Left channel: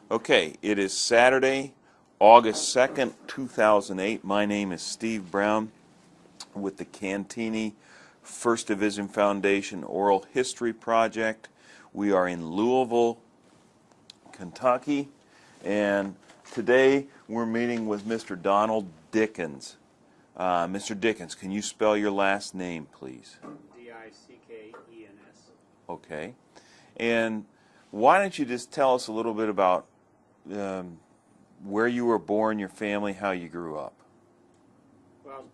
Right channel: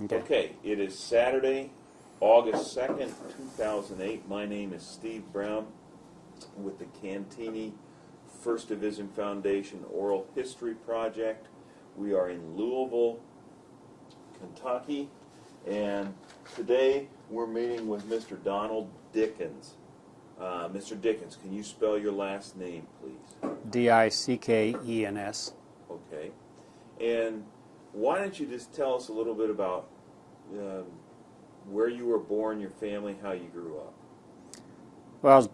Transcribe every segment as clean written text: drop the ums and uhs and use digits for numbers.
Okay, it is Saturday, August 2nd, 2008. My name is Steve Brown with the Cantigny First Division Foundation Oral History Project. We are in Louisville, Kentucky, and today we're meeting with Mr. Donald Dickens. Mr. Dickens, can you spell your last name, please? Dickens. Okay. And why don't you just tell us a little bit about where you were born, your family, how you grew up? Well,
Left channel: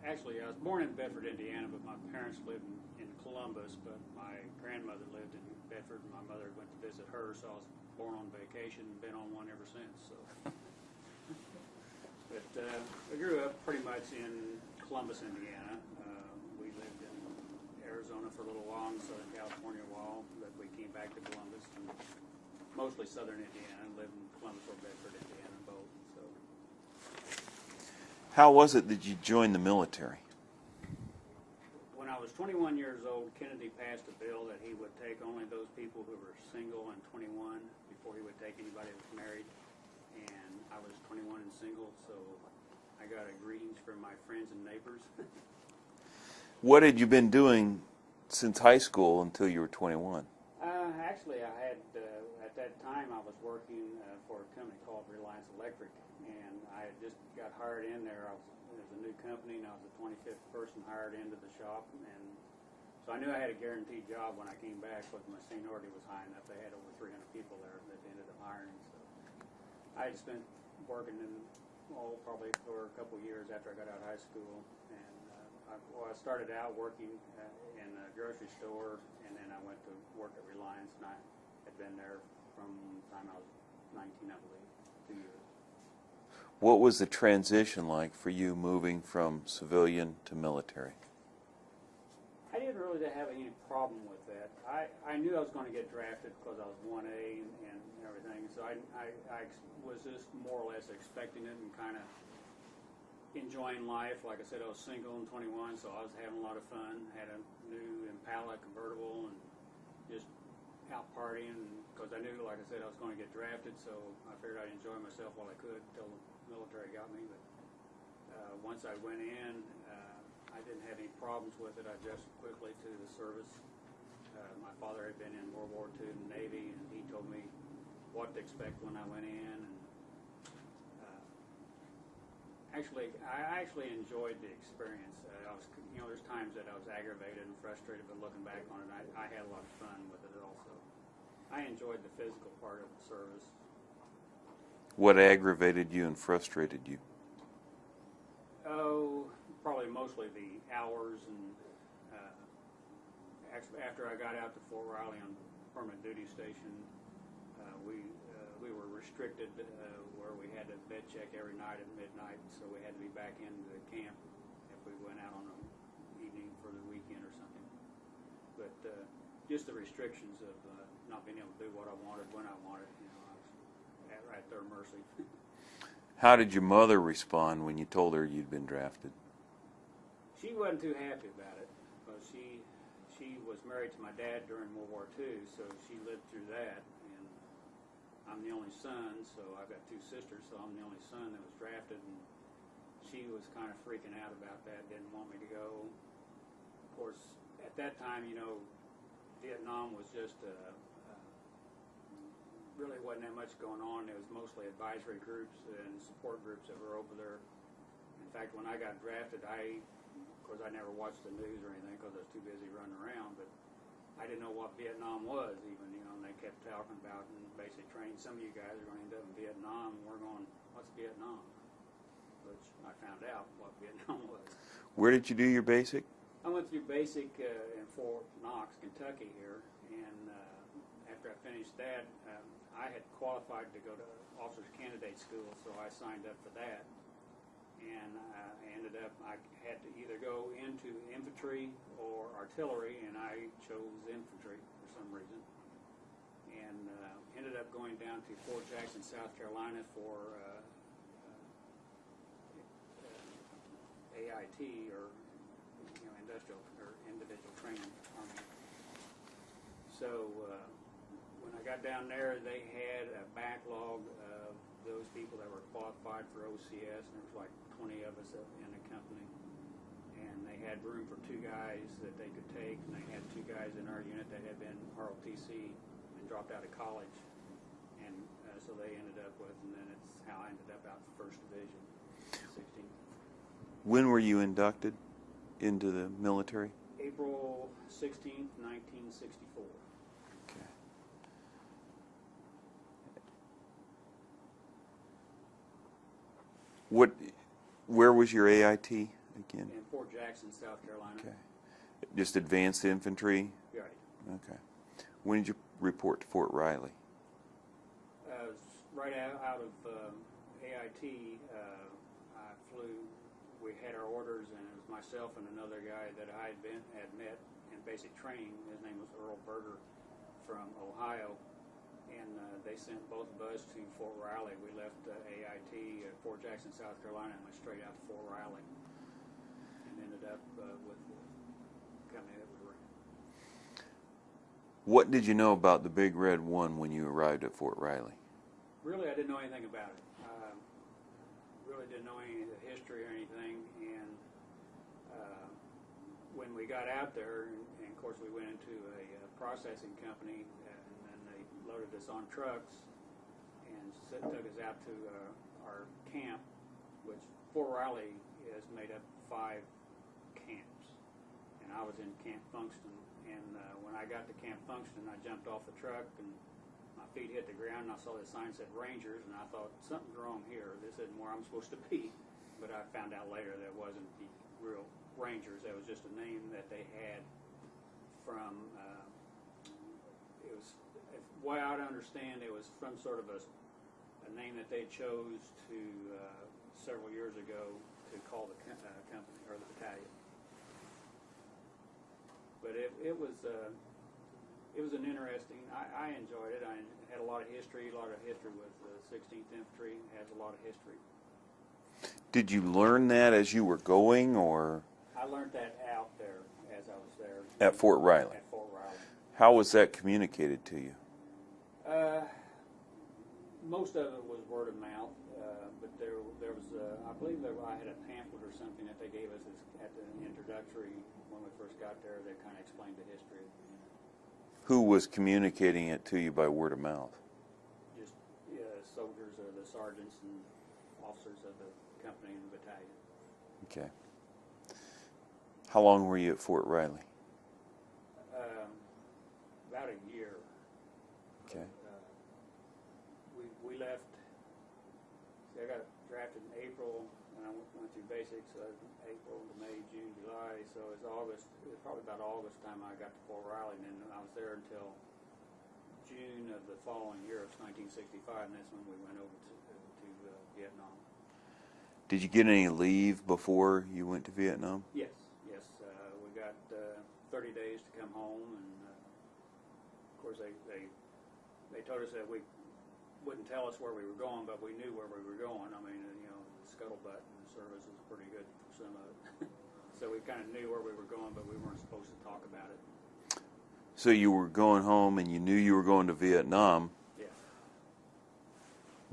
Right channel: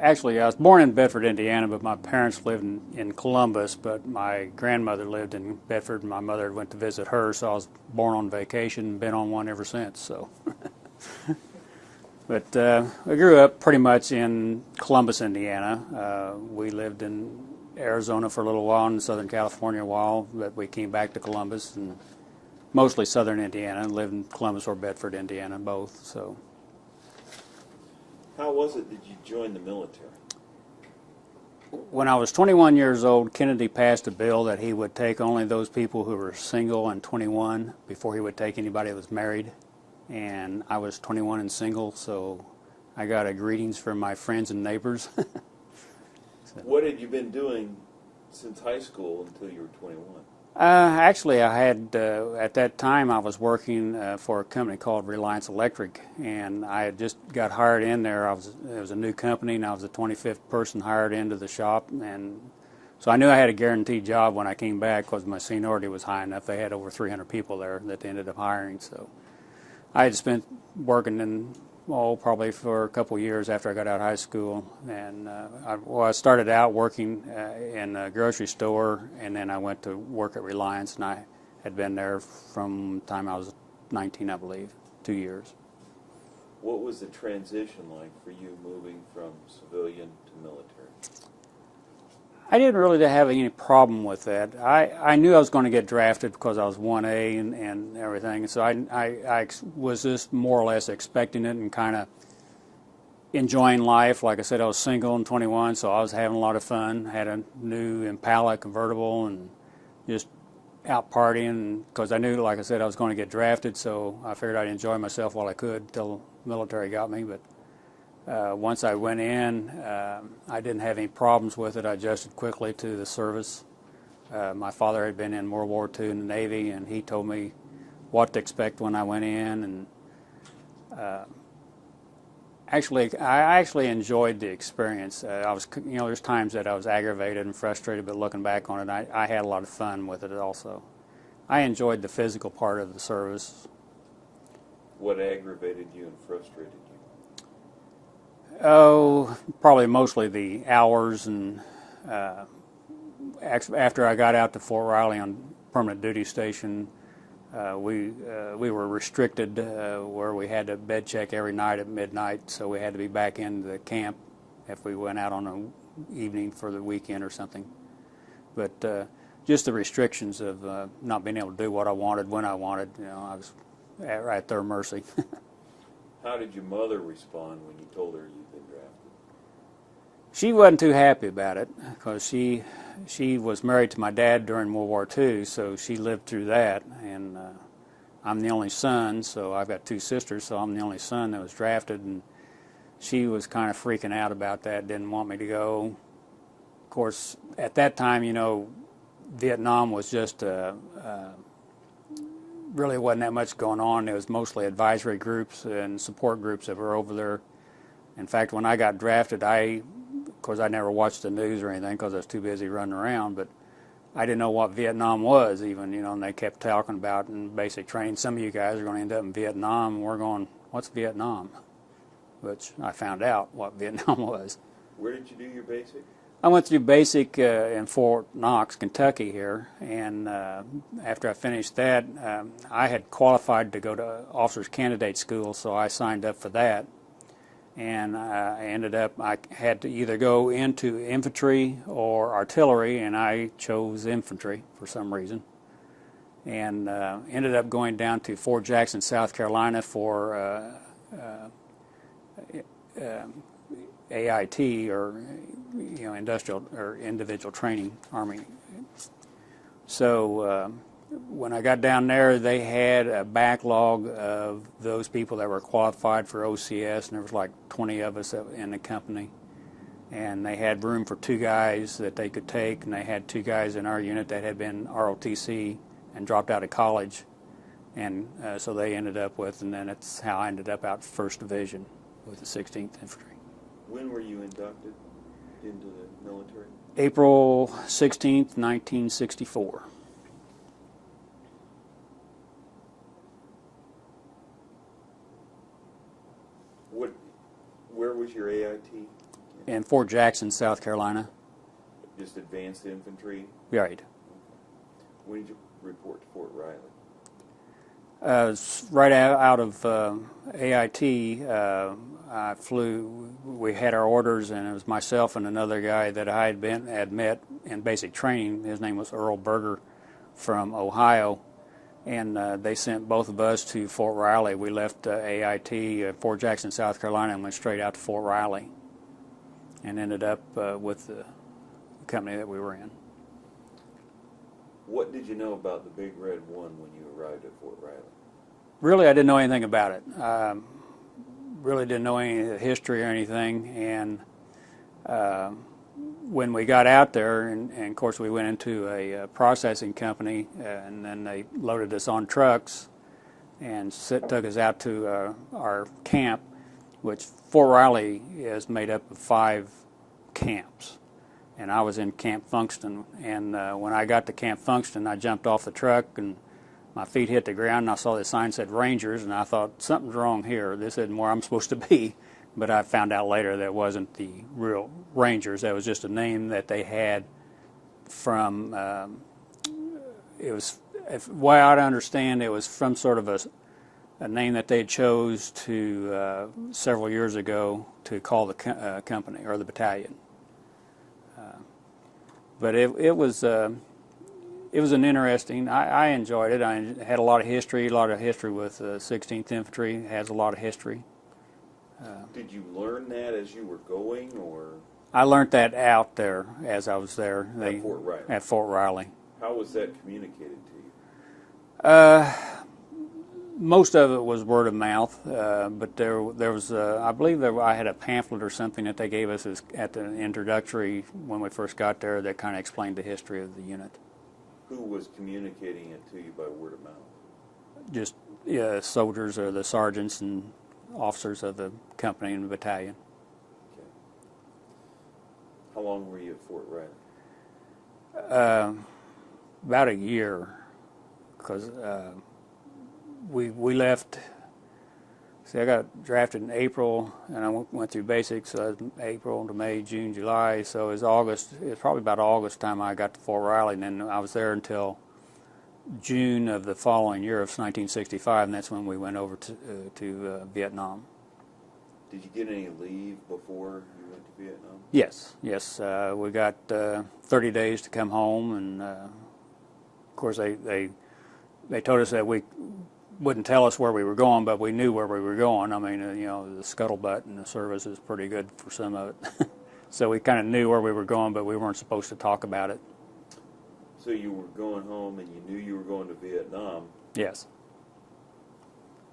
I was born in Bedford, Indiana, but my parents lived in Columbus, but my grandmother lived in Bedford, and my mother went to visit her, so I was born on vacation and been on one ever since. So, But I grew up pretty much in Columbus, Indiana. We lived in Arizona for a little while, and Southern California a while, but we came back to Columbus, and mostly Southern Indiana. Lived in Columbus or Bedford, Indiana, both. So, how was it that you joined the military? when I was 21 years old, Kennedy passed a bill that he would take only those people who were single and 21 before he would take anybody that was married. And I was 21 and single, so I got a greetings from my friends and neighbors. What had you been doing since high school until you were 21? Actually, I had, at that time, I was working for a company called Reliance Electric, and I had just got hired in there. It was a new company, and I was the 25th person hired into the shop, and so I knew I had a guaranteed job when I came back because my seniority was high enough. They had over 300 people there that they ended up hiring, so I had spent working in, probably for a couple years after I got out of high school, and I started out working in a grocery store, and then I went to work at Reliance, and I had been there from the time I was 19, I believe, 2 years. What was the transition like for you moving from civilian to military? I didn't really have any problem with that. I knew I was going to get drafted because I was 1A and everything, so I was just more or less expecting it and kind of enjoying life. Like I said, I was single and 21, so I was having a lot of fun. Had a new Impala convertible and just out partying because I knew, like I said, I was going to get drafted, so I figured I'd enjoy myself while I could until the military got me. But once I went in, I didn't have any problems with it. I adjusted quickly to the service. My father had been in World War II in the Navy, and he told me what to expect when I went in. And I actually enjoyed the experience. There's times that I was aggravated and frustrated, but looking back on it, I had a lot of fun with it also. I enjoyed the physical part of the service. What aggravated you and frustrated you? Oh, probably mostly the hours, and after I got out to Fort Riley on permanent duty station, we were restricted where we had to bed check every night at midnight, so we had to be back in the camp if we went out on an evening for the weekend or something. But just the restrictions of not being able to do what I wanted when I wanted, I was at their mercy. How did your mother respond when you told her you'd been drafted? She wasn't too happy about it because she was married to my dad during World War II, so she lived through that. And I'm the only son, so I've got two sisters, so I'm the only son that was drafted. And she was kind of freaking out about that, didn't want me to go. Of course, at that time, Vietnam was just really wasn't that much going on. It was mostly advisory groups and support groups that were over there. In fact, when I got drafted, of course I never watched the news or anything because I was too busy running around, but I didn't know what Vietnam was even, and they kept talking about in basic training, some of you guys are going to end up in Vietnam, and we're going, what's Vietnam? Which I found out what Vietnam was. Where did you do your basic? I went through basic in Fort Knox, Kentucky here, and after I finished that, I had qualified to go to officers candidate school, so I signed up for that. And I had to either go into infantry or artillery, and I chose infantry for some reason. And ended up going down to Fort Jackson, South Carolina for AIT, or industrial or individual training, Army. So when I got down there, they had a backlog of those people that were qualified for OCS, and there was like 20 of us in the company. And they had room for 2 guys that they could take, and they had 2 guys in our unit that had been ROTC and dropped out of college. And so they ended up with, and then it's how I ended up out First Division with the 16th Infantry. When were you inducted into the military? April 16th, 1964. Where was your AIT again? In Fort Jackson, South Carolina. Just advanced infantry? Right. Okay. When did you report to Fort Riley? Right out of AIT, I flew. We had our orders, and it was myself and another guy that I had met in basic training. His name was Earl Berger from Ohio, and they sent both of us to Fort Riley. We left AIT at Fort Jackson, South Carolina, and went straight out to Fort Riley, and ended up with the company that we were in. What did you know about the Big Red One when you arrived at Fort Riley? Really, I didn't know anything about it. Really didn't know any of the history or anything. And when we got out there, and of course we went into a processing company, and then they loaded us on trucks and took us out to our camp, which Fort Riley is made up of 5 camps. And I was in Camp Funkston, and when I got to Camp Funkston, I jumped off the truck, and my feet hit the ground, and I saw the sign said Rangers, and I thought, something's wrong here. This isn't where I'm supposed to be. But I found out later that it wasn't the real Rangers. That was just a name that they had from, it was, way I understand, it was from sort of a name that they chose to, several years ago, to call the company or the battalion. But it was an interesting. I enjoyed it. I had a lot of history with 16th Infantry. It has a lot of history. Did you learn that as you were going, or? I learned that out there as I was there. At Fort Riley? At Fort Riley. How was that communicated to you? Most of it was word of mouth, but there was, I believe I had a pamphlet or something that they gave us at the introductory when we first got there that kind of explained the history of the unit. Who was communicating it to you by word of mouth? Just soldiers or the sergeants and officers of the company and the battalion. Okay. How long were you at Fort Riley? About a year, because we left. See, I got drafted in April, and I went through basics. So April to May, June, July. So it was August. It was probably about August time I got to Fort Riley, and then I was there until June of the following year of 1965, and that's when we went over to Vietnam. Did you get any leave before you went to Vietnam? Yes. We got 30 days to come home, and of course they told us that we wouldn't tell us where we were going, but we knew where we were going. I mean, the scuttlebutt in the service is pretty good for some of it. So we kind of knew where we were going, but we weren't supposed to talk about it. So you were going home, and you knew you were going to Vietnam. Yes.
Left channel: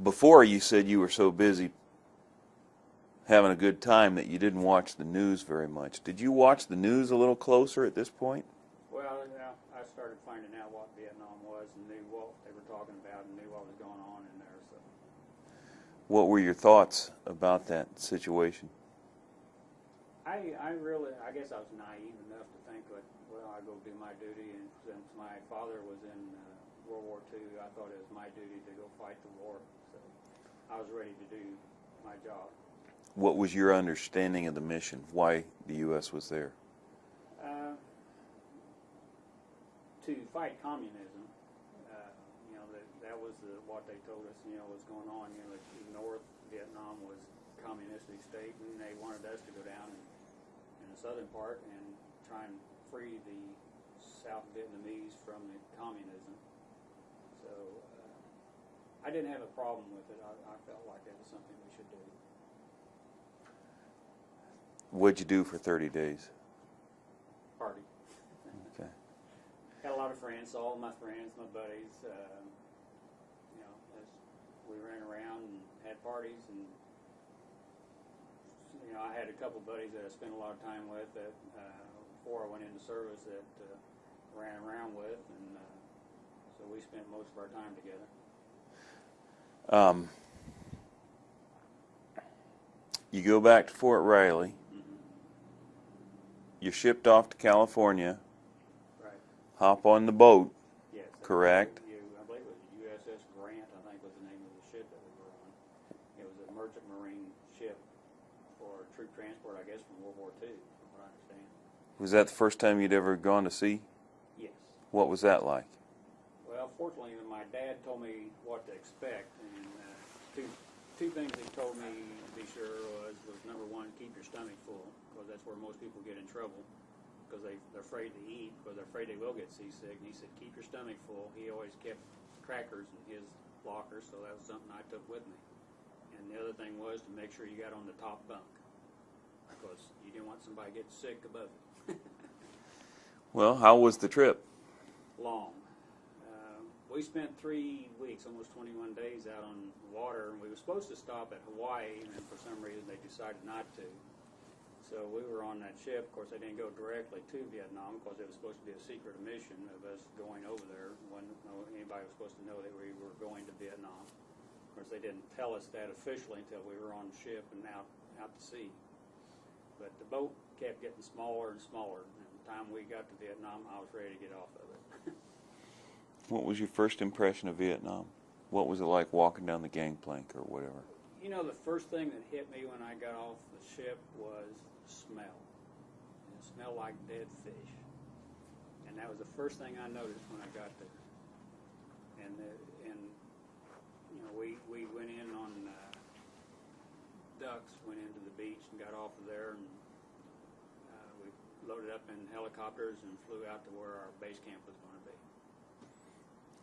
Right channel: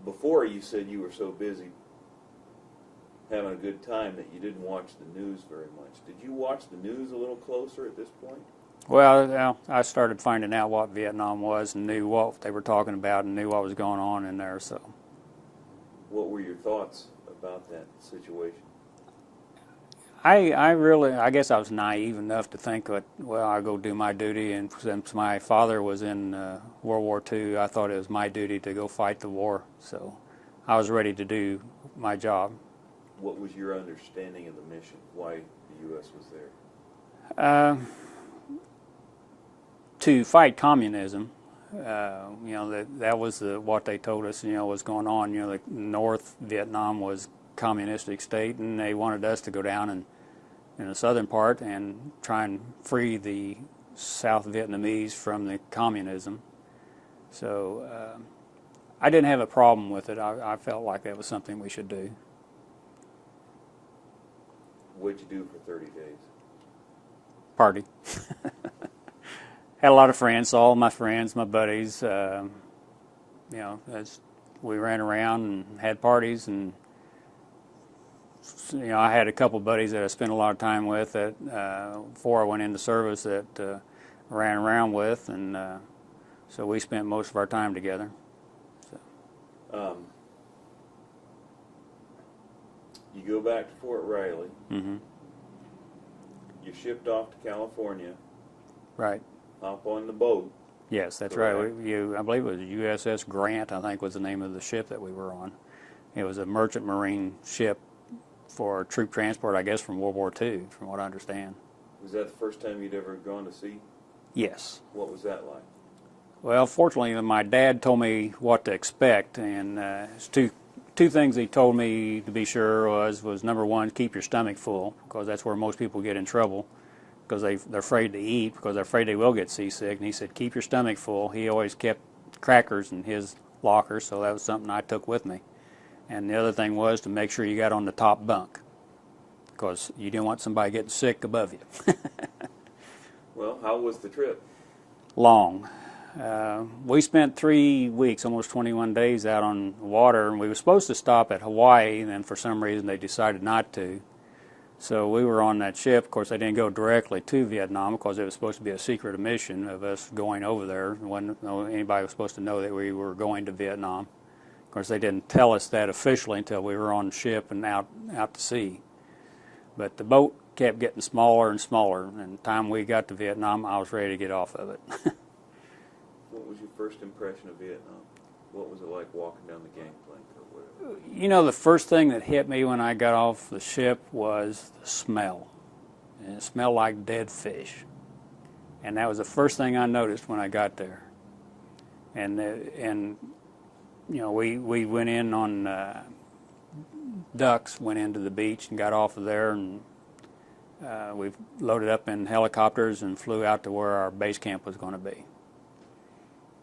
Before, you said you were so busy having a good time that you didn't watch the news very much. Did you watch the news a little closer at this point? Well, I started finding out what Vietnam was and knew what they were talking about and knew what was going on in there. So, what were your thoughts about that situation? I guess I was naive enough to think that, well, I'll go do my duty, and since my father was in World War II, I thought it was my duty to go fight the war. So I was ready to do my job. What was your understanding of the mission? Why the U.S. was there? To fight communism. That was what they told us, was going on. The North Vietnam was a communistic state, and they wanted us to go down in the southern part and try and free the South Vietnamese from the communism. So I didn't have a problem with it. I felt like that was something we should do. What'd you do for 30 days? Party. had a lot of friends, all my friends, my buddies. We ran around and had parties, and I had a couple buddies that I spent a lot of time with that before I went into service that ran around with, and so we spent most of our time together. You go back to Fort Riley. Mm-hmm. You're shipped off to California. Right. Hop on the boat. Yes, that's Correct. right. I believe it was USS Grant, I think was the name of the ship that we were on. It was a merchant marine ship for troop transport, I guess, from World War II, from what I understand. Was that the first time you'd ever gone to sea? Yes. What was that like? Well, fortunately, my dad told me what to expect, and it's two things he told me to be sure was number one, keep your stomach full, because that's where most people get in trouble, because they're afraid to eat, because they're afraid they will get seasick. And he said, keep your stomach full. He always kept crackers in his locker, so that was something I took with me. And the other thing was to make sure you got on the top bunk, because you didn't want somebody getting sick above you. Well, how was the trip? Long. We spent 3 weeks, almost 21 days out on the water, and we were supposed to stop at Hawaii, and then for some reason they decided not to. So we were on that ship. Of course, they didn't go directly to Vietnam because it was supposed to be a secret mission of us going over there. Anybody was supposed to know that we were going to Vietnam. Of course, they didn't tell us that officially until we were on the ship and out to sea. But the boat kept getting smaller and smaller, and the time we got to Vietnam, I was ready to get off of it. What was your first impression of Vietnam? What was it like walking down the gangplank or whatever? The first thing that hit me when I got off the ship was the smell. And it smelled like dead fish. And that was the first thing I noticed when I got there. And we went in on ducks, went into the beach and got off of there, and we loaded up in helicopters and flew out to where our base camp was going to be.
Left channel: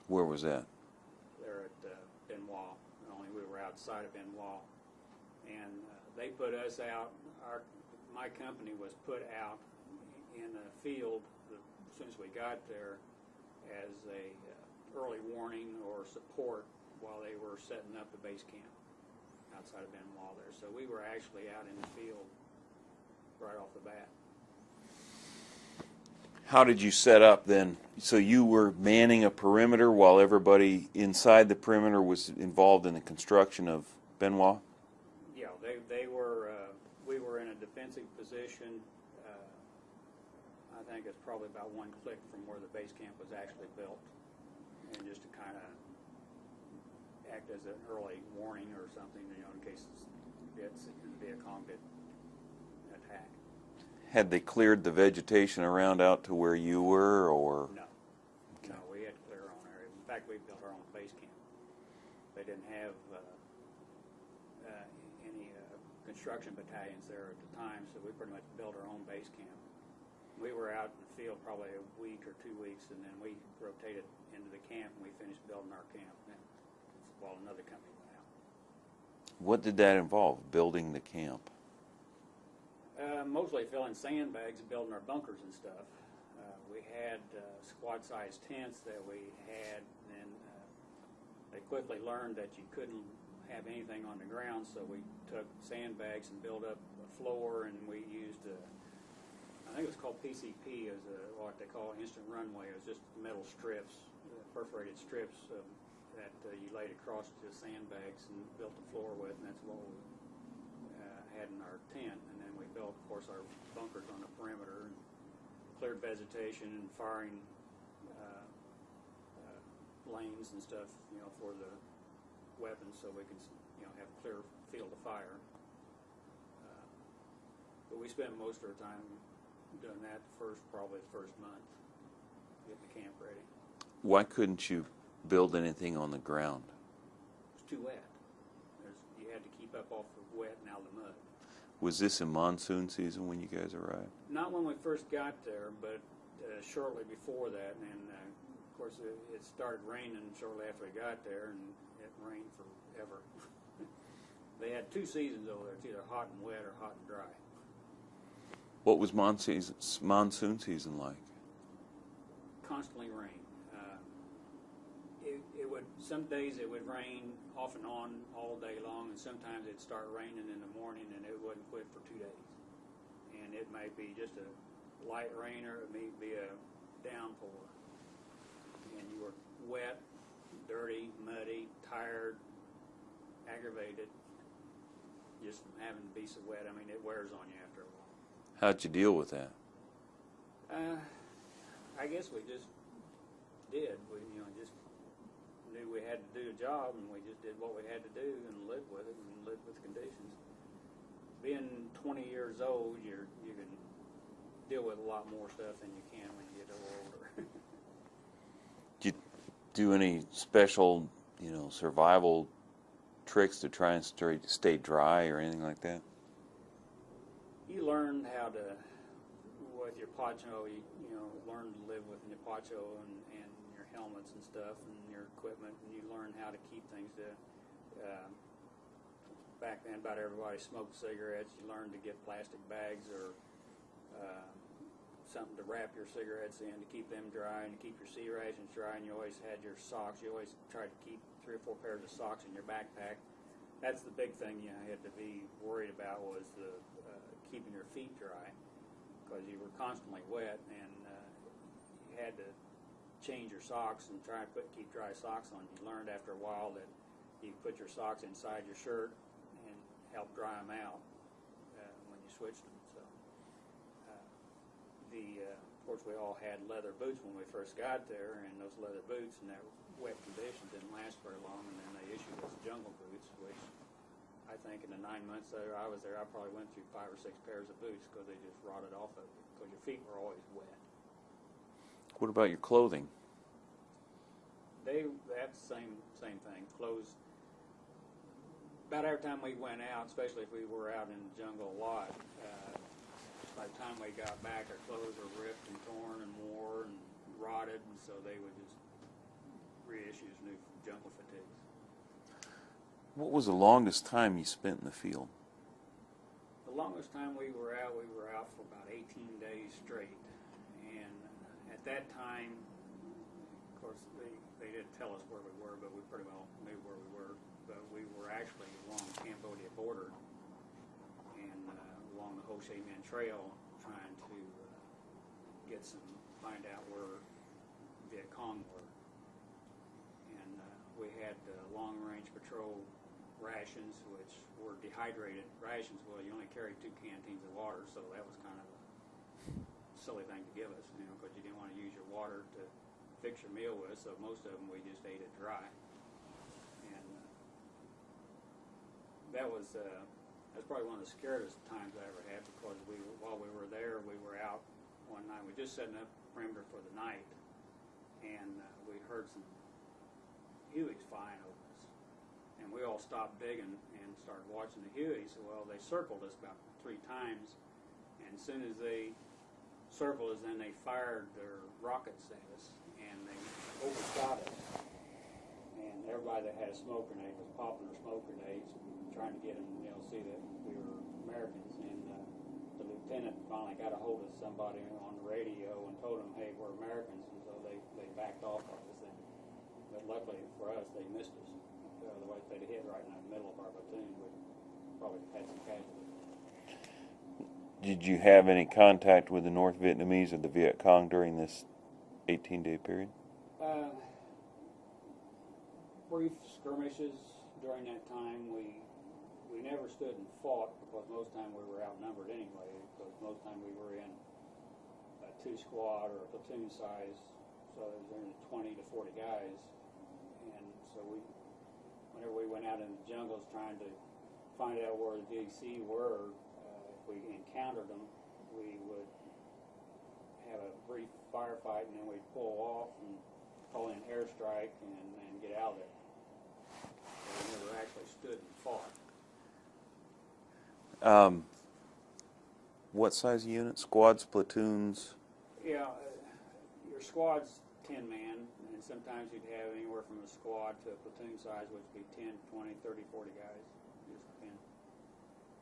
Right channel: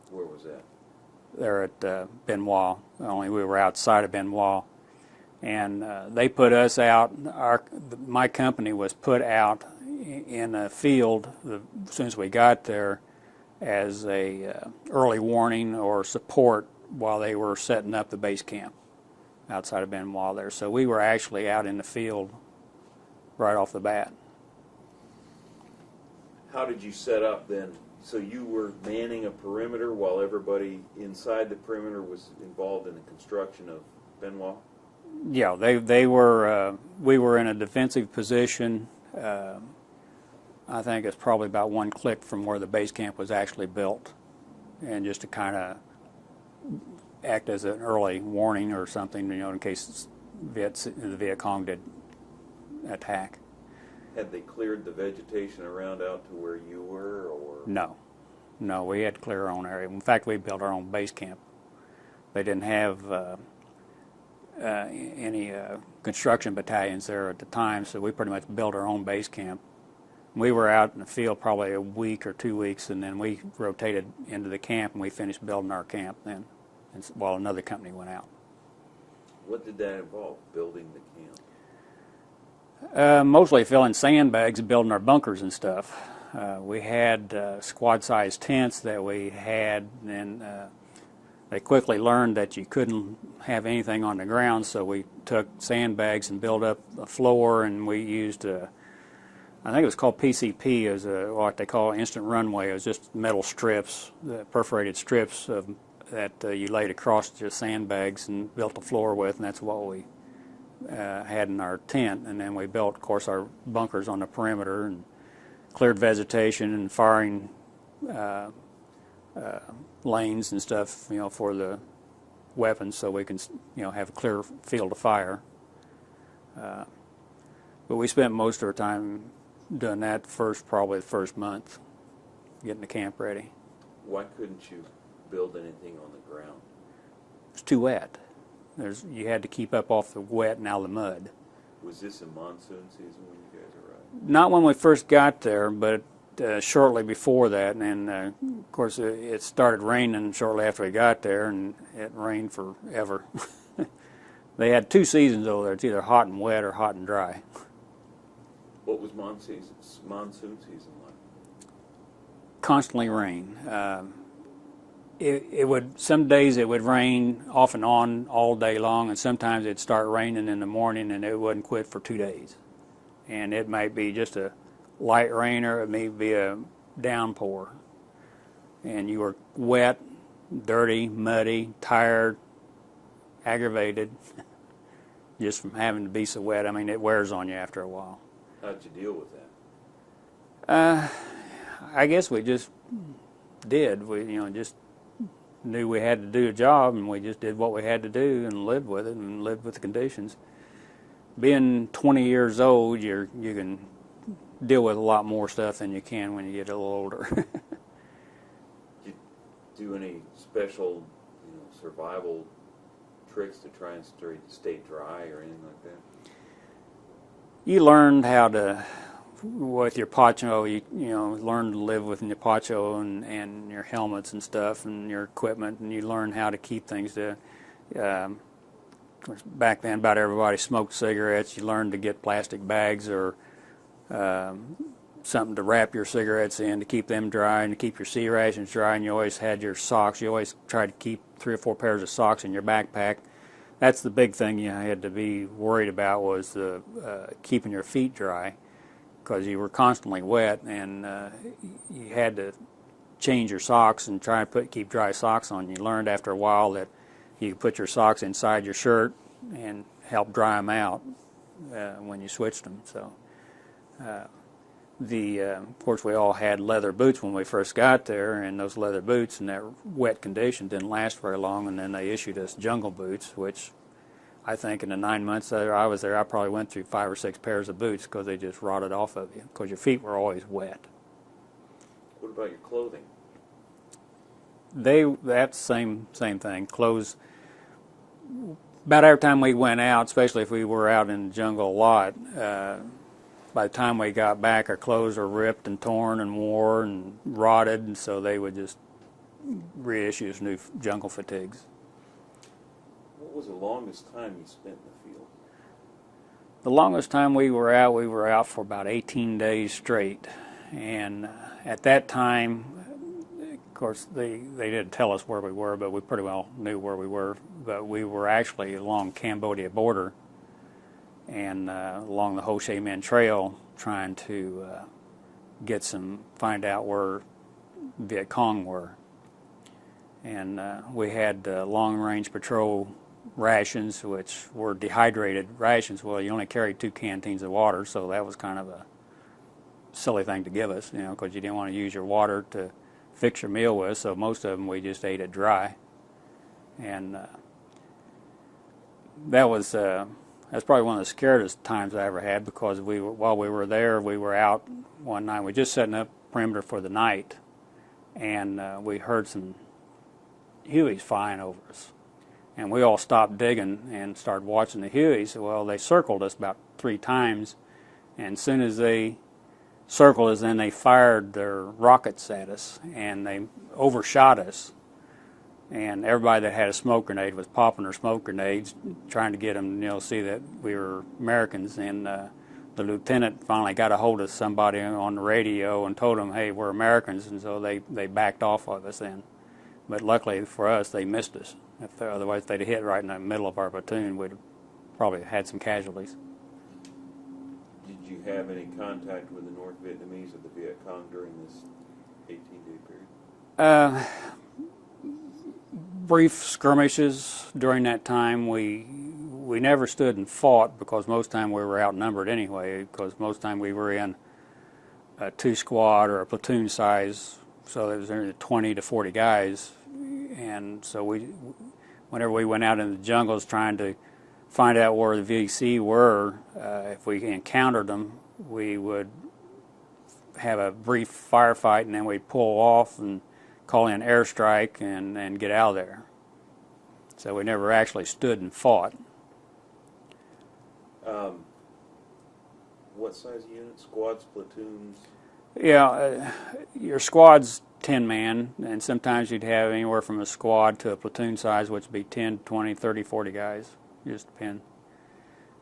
Where was that? There at Benoit, only we were outside of Benoit. And they put us out, my company was put out in a field as soon as we got there as a early warning or support while they were setting up the base camp outside of Benoit there. So we were actually out in the field right off the bat. How did you set up then? So you were manning a perimeter while everybody inside the perimeter was involved in the construction of Benoit? Yeah, they were. We were in a defensive position. I think it's probably about one click from where the base camp was actually built, and just to kind of act as an early warning or something, in case the Viet Cong did attack. Had they cleared the vegetation around out to where you were, or? No, we had to clear our own area. In fact, we built our own base camp. They didn't have any construction battalions there at the time, so we pretty much built our own base camp. We were out in the field probably a week or 2 weeks, and then we rotated into the camp, and we finished building our camp then, while another company went out. What did that involve, building the camp? Mostly filling sandbags and building our bunkers and stuff. We had squad-sized tents that we had, and they quickly learned that you couldn't have anything on the ground, so we took sandbags and built up a floor, and we used, I think it was called PCP, as what they call instant runway. It was just metal strips, perforated strips that you laid across the sandbags and built the floor with, and that's what we had in our tent. And then we built, of course, our bunkers on the perimeter and cleared vegetation and firing lanes and stuff, for the weapons, so we can, have a clear field of fire. But we spent most of our time doing that probably the first month, getting the camp ready. Why couldn't you build anything on the ground? It's too wet. You had to keep up off the wet and out of the mud. Was this in monsoon season when you guys arrived? Not when we first got there, but shortly before that. And of course, it started raining shortly after we got there, and it rained forever. They had 2 seasons over there. It's either hot and wet or hot and dry. What was monsoon season like? constantly rain. It would, some days it would rain off and on all day long, and sometimes it'd start raining in the morning and it wouldn't quit for 2 days. And it might be just a light rain, or it may be a downpour. And you were wet, dirty, muddy, tired, aggravated, just from having to be so wet. I mean, it wears on you after a while. How'd you deal with that? I guess we just did. We, just knew we had to do a job, and we just did what we had to do and lived with it and lived with the conditions. Being 20 years old, you can deal with a lot more stuff than you can when you get a little older. Did you do any special, survival tricks to try and stay dry or anything like that? You learned how to, with your poncho, you learn to live with your poncho and your helmets and stuff and your equipment, and you learn how to keep things to. Back then, about everybody smoked cigarettes. You learned to get plastic bags or something to wrap your cigarettes in to keep them dry and to keep your sea rations dry. And you always had your socks. You always tried to keep 3 or 4 pairs of socks in your backpack. That's the big thing you had to be worried about, was the keeping your feet dry, because you were constantly wet, and you had to change your socks and try and keep dry socks on. You learned after a while that you could put your socks inside your shirt and help dry them out when you switched them. So, of course, we all had leather boots when we first got there, and those leather boots in that wet condition didn't last very long, and then they issued us jungle boots, which I think in the 9 months that I was there, I probably went through 5 or 6 pairs of boots because they just rotted off of you, because your feet were always wet. What about your clothing? That's same thing. Clothes, about every time we went out, especially if we were out in the jungle a lot, by the time we got back, our clothes were ripped and torn and worn and rotted, and so they would just reissue us new jungle fatigues. What was the longest time you spent in the field? The longest time we were out for about 18 days straight. And at that time, of course, they didn't tell us where we were, but we pretty well knew where we were. But we were actually along Cambodia border and along the Ho Chi Minh Trail, trying to find out where Viet Cong were. And we had long-range patrol rations, which were dehydrated rations. Well, you only carried 2 canteens of water, so that was kind of a silly thing to give us, because you didn't want to use your water to fix your meal with, so most of them we just ate it dry. And that's probably one of the scariest times I ever had, because while we were there, we were out one night. We were just setting up perimeter for the night, and we heard some Hueys flying over us. And we all stopped digging and started watching the Hueys. Well, they circled us about 3 times, and as soon as they circled us, then they fired their rockets at us, and they overshot us. And everybody that had a smoke grenade was popping their smoke grenades, trying to get them, see that we were Americans. And the lieutenant finally got a hold of somebody on the radio and told them, hey, we're Americans, and so they backed off of us then. But luckily for us, they missed us. Otherwise, if they'd hit right in the middle of our platoon, we'd probably had some casualties. Did you have any contact with the North Vietnamese or the Viet Cong during this 18-day period? Brief skirmishes during that time. We never stood and fought, because most time we were outnumbered anyway, because most time we were in a 2 squad or a platoon size, so there was only 20 to 40 guys. And so whenever we went out in the jungles trying to find out where the VC were, if we encountered them, we would have a brief firefight, and then we'd pull off and call in airstrike and get out of there. So we never actually stood and fought. What size unit? Squads, platoons? Yeah, your squad's 10-man, and sometimes you'd have anywhere from a squad to a platoon size, which would be 10, 20, 30, 40 guys. Just depend.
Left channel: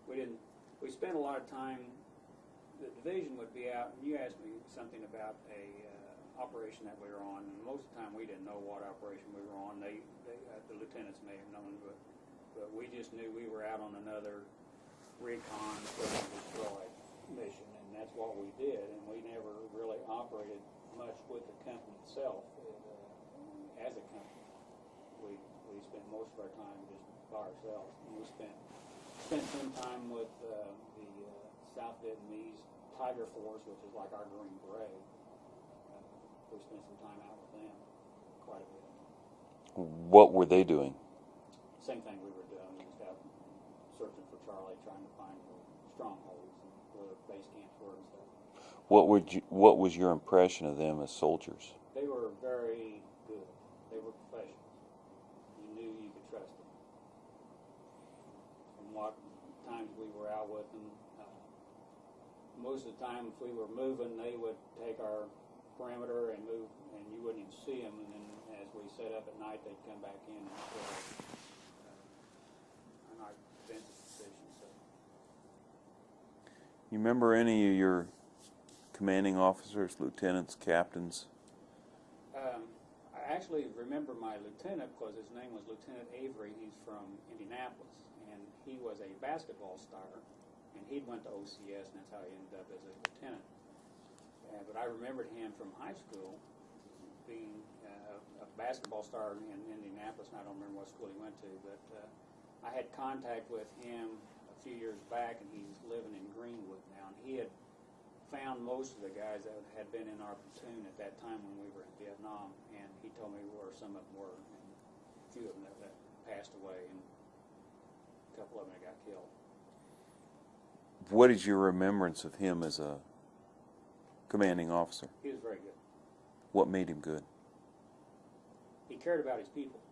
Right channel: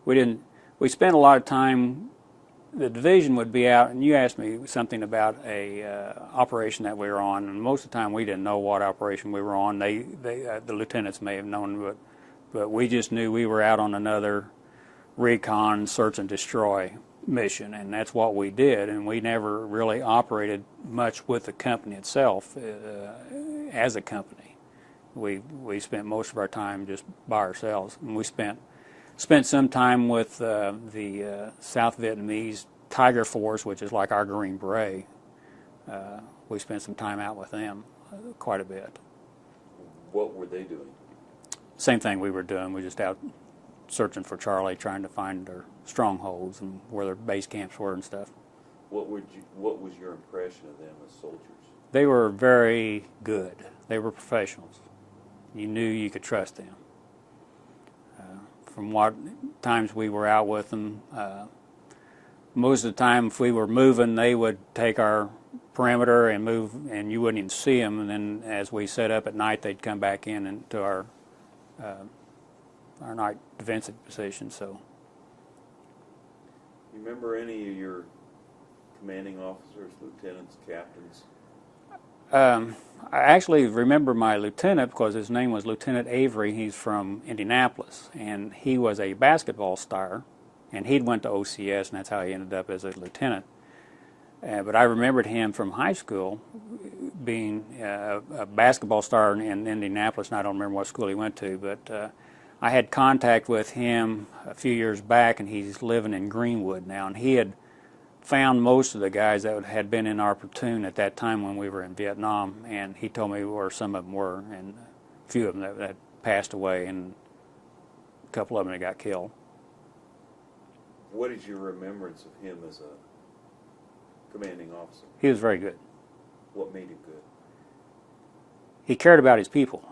We spent a lot of time the division would be out, and you asked me something about a operation that we were on, and most of the time we didn't know what operation we were on. The lieutenants may have known, but we just knew we were out on another recon, search and destroy mission, and that's what we did. And we never really operated much with the company itself as a company. We spent most of our time just by ourselves, and we spent some time with the South Vietnamese Tiger Force, which is like our Green Beret. We spent some time out with them quite a bit. What were they doing? Same thing we were doing. We were just out searching for Charlie, trying to find their strongholds and where their base camps were and stuff. What was your impression of them as soldiers? They were very good. They were professionals. You knew you could trust them. From what times we were out with them, most of the time if we were moving, they would take our perimeter and move, and you wouldn't even see them. And then as we set up at night, they'd come back in into our night defensive position. So, you remember any of your commanding officers, lieutenants, captains? I actually remember my lieutenant because his name was Lieutenant Avery. He's from Indianapolis, and he was a basketball star, and he'd went to OCS, and that's how he ended up as a lieutenant. But I remembered him from high school being a basketball star in Indianapolis, and I don't remember what school he went to, but I had contact with him a few years back, and he's living in Greenwood now, and he had found most of the guys that had been in our platoon at that time when we were in Vietnam, and he told me where some of them were, and a few of them that passed away, and a couple of them that got killed. What is your remembrance of him as a commanding officer? He was very good. What made him good? He cared about his people,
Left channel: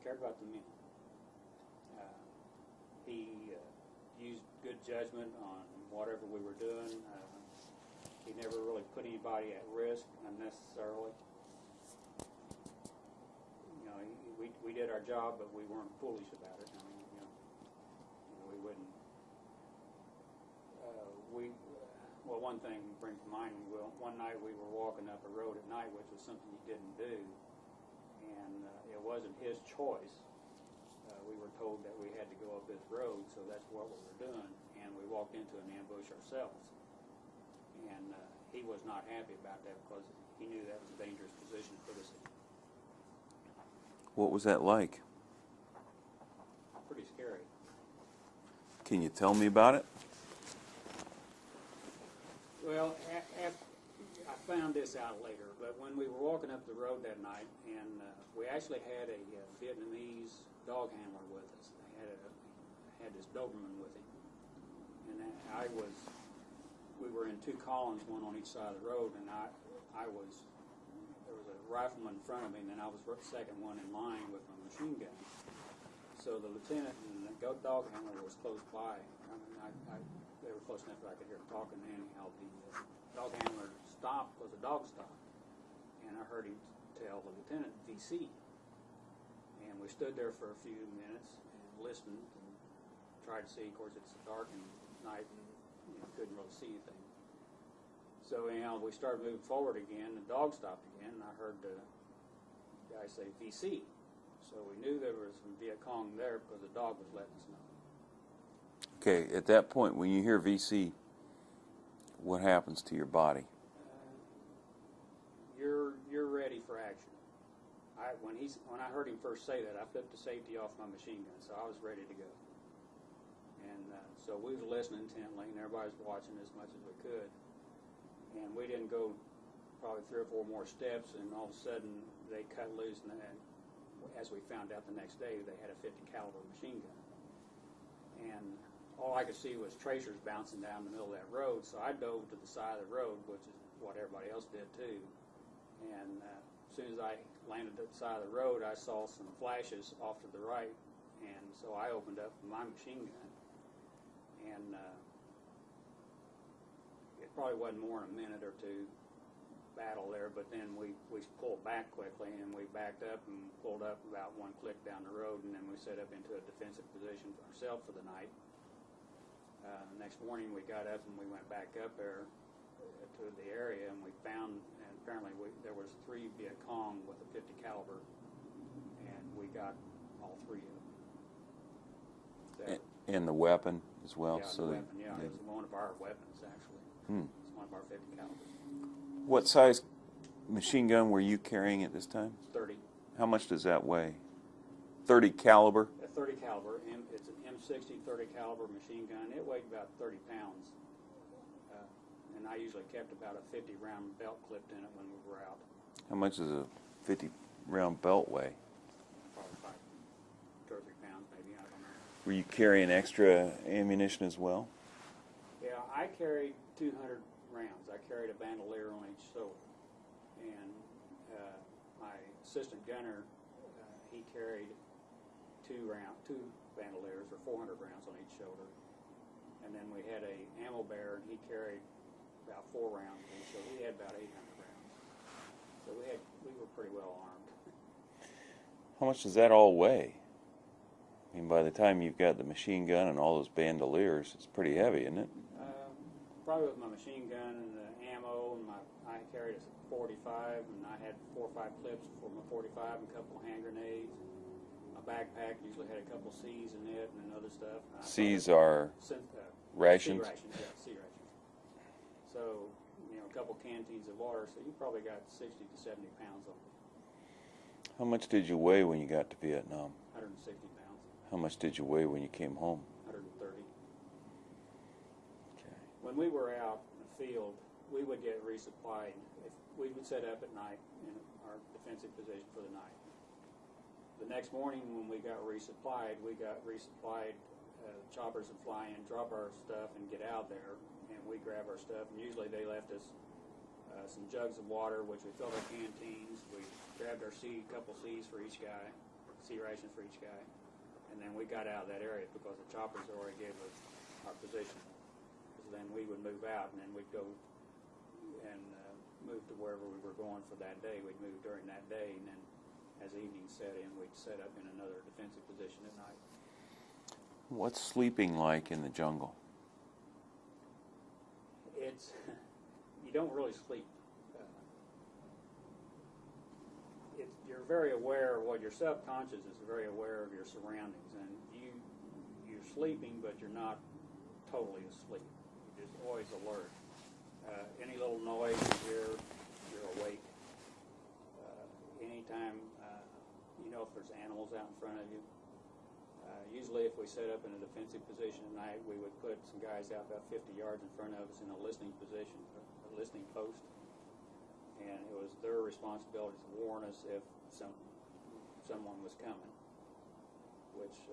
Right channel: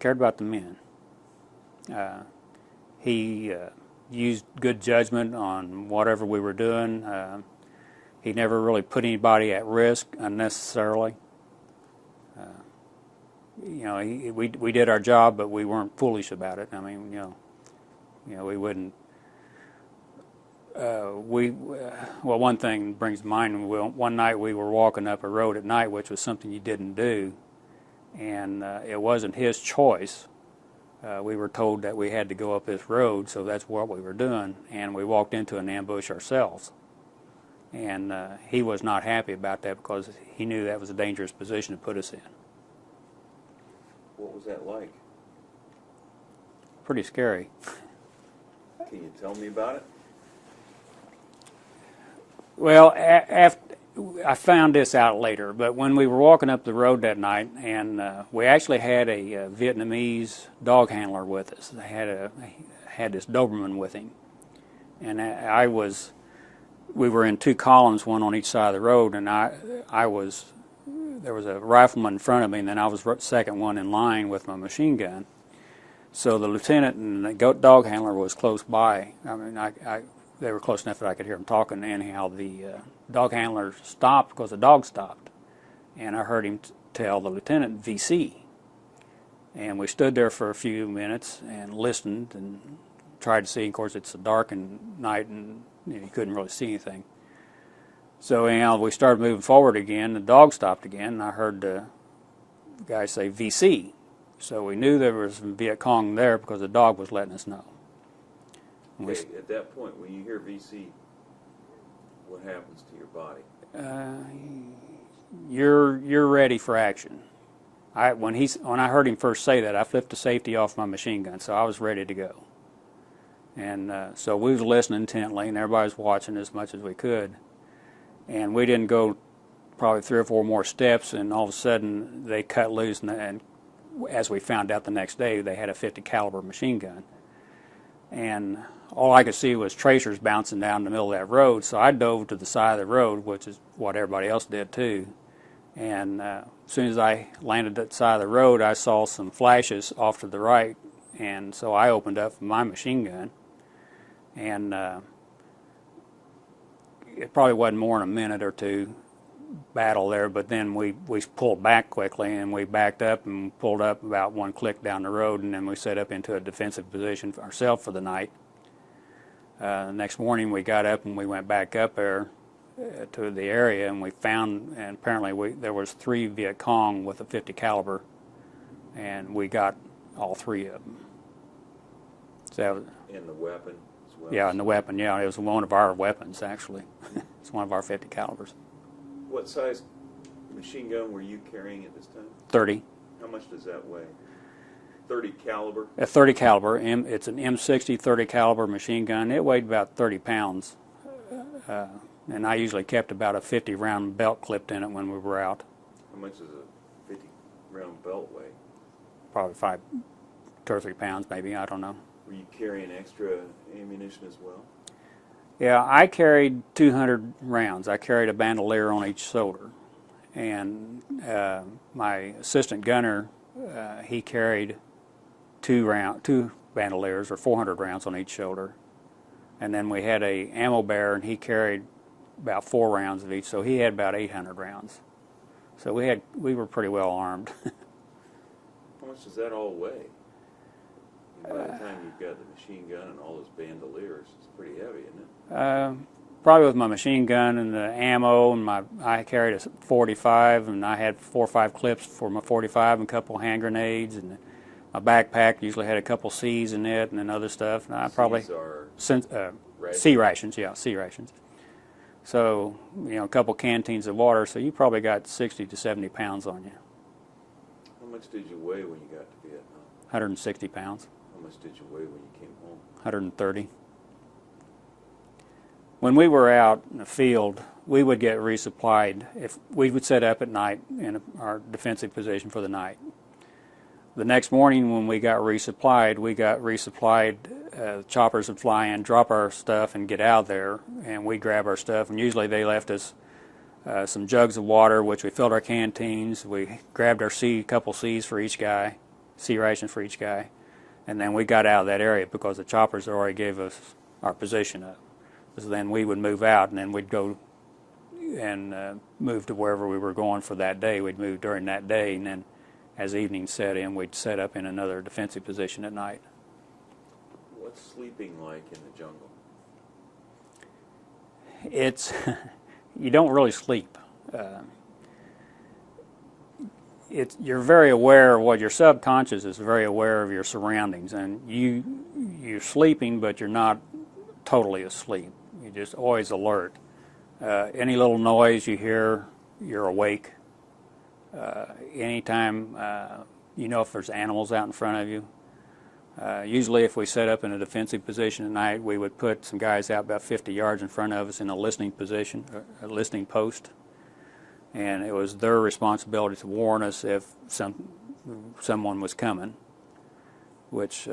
cared about the men. He used good judgment on whatever we were doing. He never really put anybody at risk unnecessarily. We did our job, but we weren't foolish about it. I mean, we wouldn't. Well, one thing brings to mind. One night we were walking up a road at night, which was something you didn't do, and it wasn't his choice. We were told that we had to go up this road, so that's what we were doing, and we walked into an ambush ourselves. And he was not happy about that because he knew that was a dangerous position to put us in. What was that like? Pretty scary. Can you tell me about it? Well, I found this out later, but when we were walking up the road that night, and we actually had a Vietnamese dog handler with us. They had this Doberman with him, and we were in two columns, one on each side of the road, and there was a rifleman in front of me, and then I was the second one in line with my machine gun. So the lieutenant and the dog handler was close by. I mean, they were close enough that I could hear them talking. Anyhow, the dog handler stopped because the dog stopped, and I heard him tell the lieutenant VC. And we stood there for a few minutes and listened and tried to see. Of course, it's a darkened night, and you couldn't really see anything. So anyhow, we started moving forward again. The dog stopped again, and I heard the guy say VC. So we knew there was some Viet Cong there because the dog was letting us know. Okay, at that point, when you hear VC, what happens to your body? You're ready for action. When I heard him first say that, I flipped the safety off my machine gun, so I was ready to go. And so we was listening intently, and everybody was watching as much as we could. And we didn't go probably 3 or 4 more steps, and all of a sudden they cut loose, and as we found out the next day, they had a 50 caliber machine gun. And all I could see was tracers bouncing down the middle of that road, so I dove to the side of the road, which is what everybody else did too. And as soon as I landed at the side of the road, I saw some flashes off to the right, and so I opened up my machine gun, and it probably wasn't more than a minute or two battle there, but then we pulled back quickly, and we backed up and pulled up about 1 click down the road, and then we set up into a defensive position for ourselves for the night. The next morning we got up and we went back up there to the area, and we found, and apparently there was 3 Viet Cong with a 50 caliber, and we got all 3 of them. So, And the weapon as well? yeah, and the weapon, yeah, it was one of our weapons, actually. It's one of our 50 calibers. What size machine gun were you carrying at this time? 30. How much does that weigh? 30 caliber? A 30 caliber, it's an M60 30 caliber machine gun. It weighed about 30 pounds. And I usually kept about a 50 round belt clipped in it when we were out. How much does a 50 round belt weigh? Probably 2 or 3 pounds maybe, I don't know. Were you carrying extra ammunition as well? Yeah, I carried 200 rounds. I carried a bandolier on each shoulder. And my assistant gunner, he carried 2 bandoliers, or 400 rounds on each shoulder. And then we had a ammo bearer, and he carried about 4 rounds of each, so he had about 800 rounds. So we were pretty well armed. How much does that all weigh? I mean, by the time you've got the machine gun and all those bandoliers, it's pretty heavy, isn't it? Probably with my machine gun and the ammo, and I carried a 45, and I had 4 or 5 clips for my 45 and a couple hand grenades, and my backpack usually had a couple C's in it and then other stuff. And I probably C's are rations? C rations, yeah, C rations. So, a couple canteens of water, so you probably got 60 to 70 pounds on you. How much did you weigh when you got to Vietnam? 160 pounds. How much did you weigh when you came home? 130. When we were out in the field, we would get resupplied. If we would set up at night in our defensive position for the night. The next morning when we got resupplied, choppers would fly in, drop our stuff, and get out there, and we'd grab our stuff. And usually they left us some jugs of water, which we filled our canteens. We grabbed our couple C's for each guy, C rations for each guy, and then we got out of that area because the choppers already gave us our position up. So then we would move out, and then we'd go and move to wherever we were going for that day. We'd move during that day, and then as evening set in, we'd set up in another defensive position at night. What's sleeping like in the jungle? It's you don't really sleep. You're very aware of what your subconscious is very aware of your surroundings, and you're sleeping, but you're not totally asleep. You're just always alert. Any little noise you hear, you're awake. Anytime if there's animals out in front of you. Usually if we set up in a defensive position at night, we would put some guys out about 50 yards in front of us in a listening position, a listening post. And it was their responsibility to warn us if someone was coming, which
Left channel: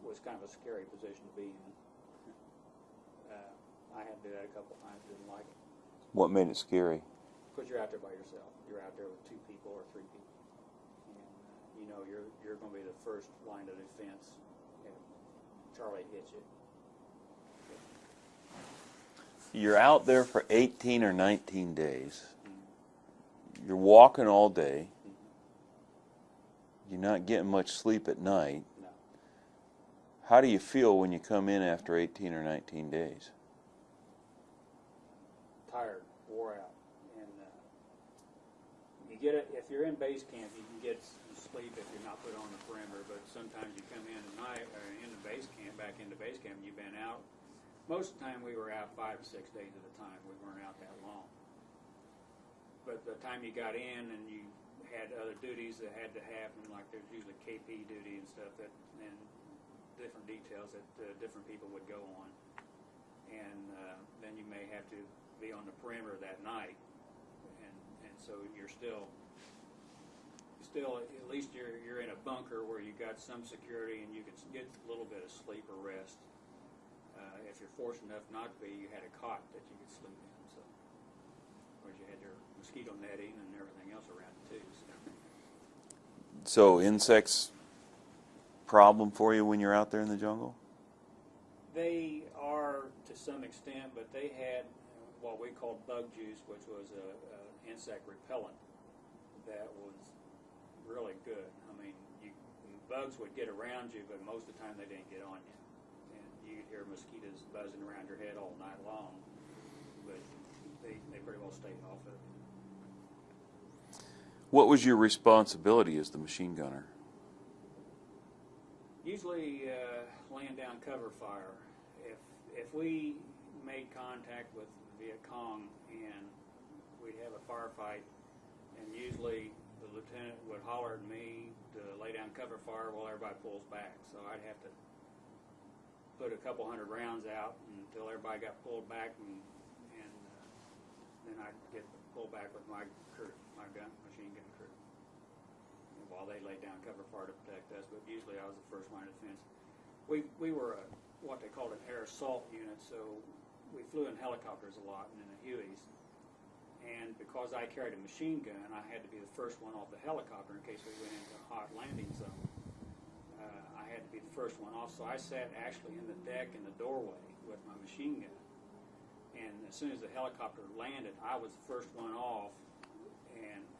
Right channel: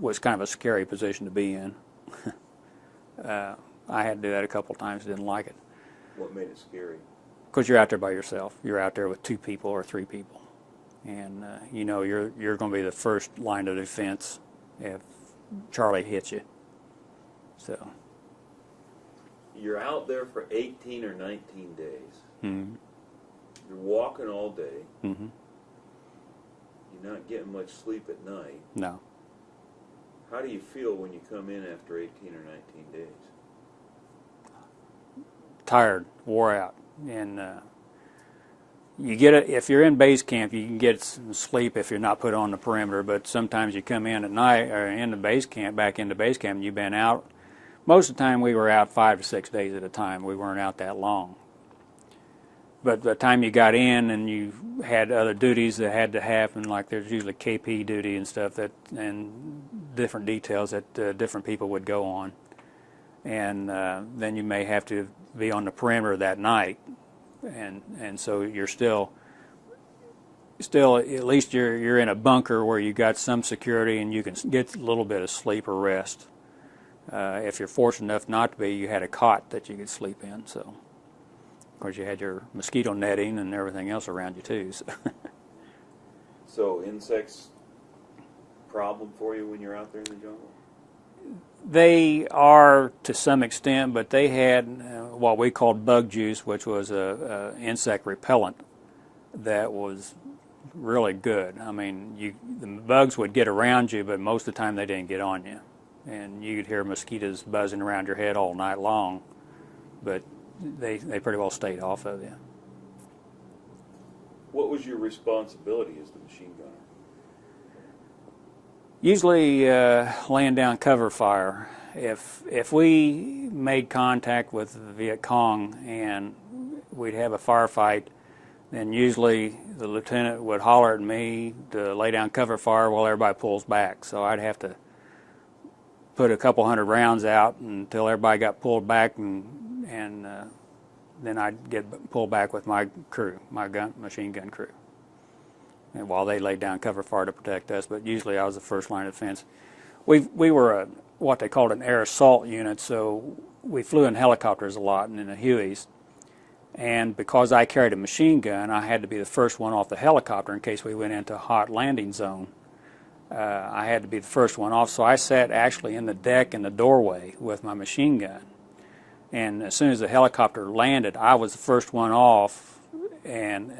was kind of a scary position to be in. I had to do that a couple times, didn't like it. What made it scary? Because you're out there by yourself. You're out there with 2 people or 3 people. And you're going to be the first line of defense if Charlie hits you. So You're out there for 18 or 19 days. Mm-hmm. You're walking all day. Mm-hmm. You're not getting much sleep at night. No. How do you feel when you come in after 18 or 19 days? Tired, wore out, and you get it. If you're in base camp, you can get some sleep if you're not put on the perimeter. But sometimes you come in at night or into base camp, back into base camp, and you've been out. Most of the time, we were out 5 to 6 days at a time. We weren't out that long. But by the time you got in and you had other duties that had to happen, like there's usually KP duty and stuff and different details that different people would go on, and then you may have to be on the perimeter that night, and so you're still at least you're in a bunker where you got some security and you can get a little bit of sleep or rest. If you're fortunate enough not to be, you had a cot that you could sleep in. So, of course, you had your mosquito netting and everything else around you too. So, So insects problem for you when you're out there in the jungle? they are to some extent, but they had what we called bug juice, which was a insect repellent that was really good. I mean, the bugs would get around you, but most of the time they didn't get on you. and you could hear mosquitoes buzzing around your head all night long, but they pretty well stayed off of you. What was your responsibility as the machine gunner? Usually laying down cover fire. If we made contact with the Viet Cong and we'd have a firefight, then usually the lieutenant would holler at me to lay down cover fire while everybody pulls back. So I'd have to put a couple hundred rounds out until everybody got pulled back, and then I'd get pulled back with my crew, my machine gun crew, and while they laid down cover fire to protect us. But usually I was the first line of defense. We were what they called an air assault unit, so we flew in helicopters a lot and in the Hueys. And because I carried a machine gun, I had to be the first one off the helicopter in case we went into a hot landing zone. I had to be the first one off, so I sat actually in the deck in the doorway with my machine gun. And as soon as the helicopter landed, I was the first one off, and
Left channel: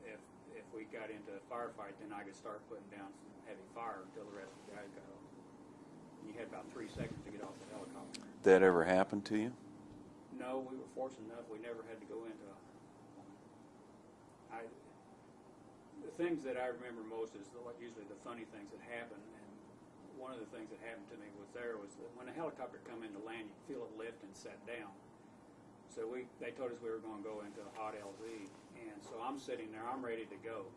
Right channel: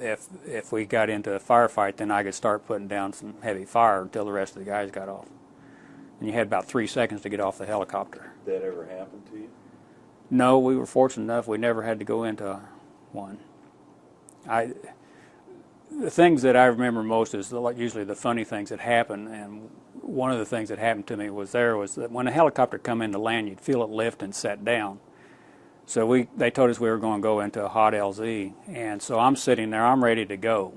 if we got into a firefight, then I could start putting down some heavy fire until the rest of the guys got off. And you had about 3 seconds to get off the helicopter. That ever happened to you? No, we were fortunate enough we never had to go into one. The things that I remember most is usually the funny things that happen, and one of the things that happened to me was that when a helicopter come in to land, you'd feel it lift and set down. So they told us we were going to go into a hot LZ, and so I'm sitting there, I'm ready to go.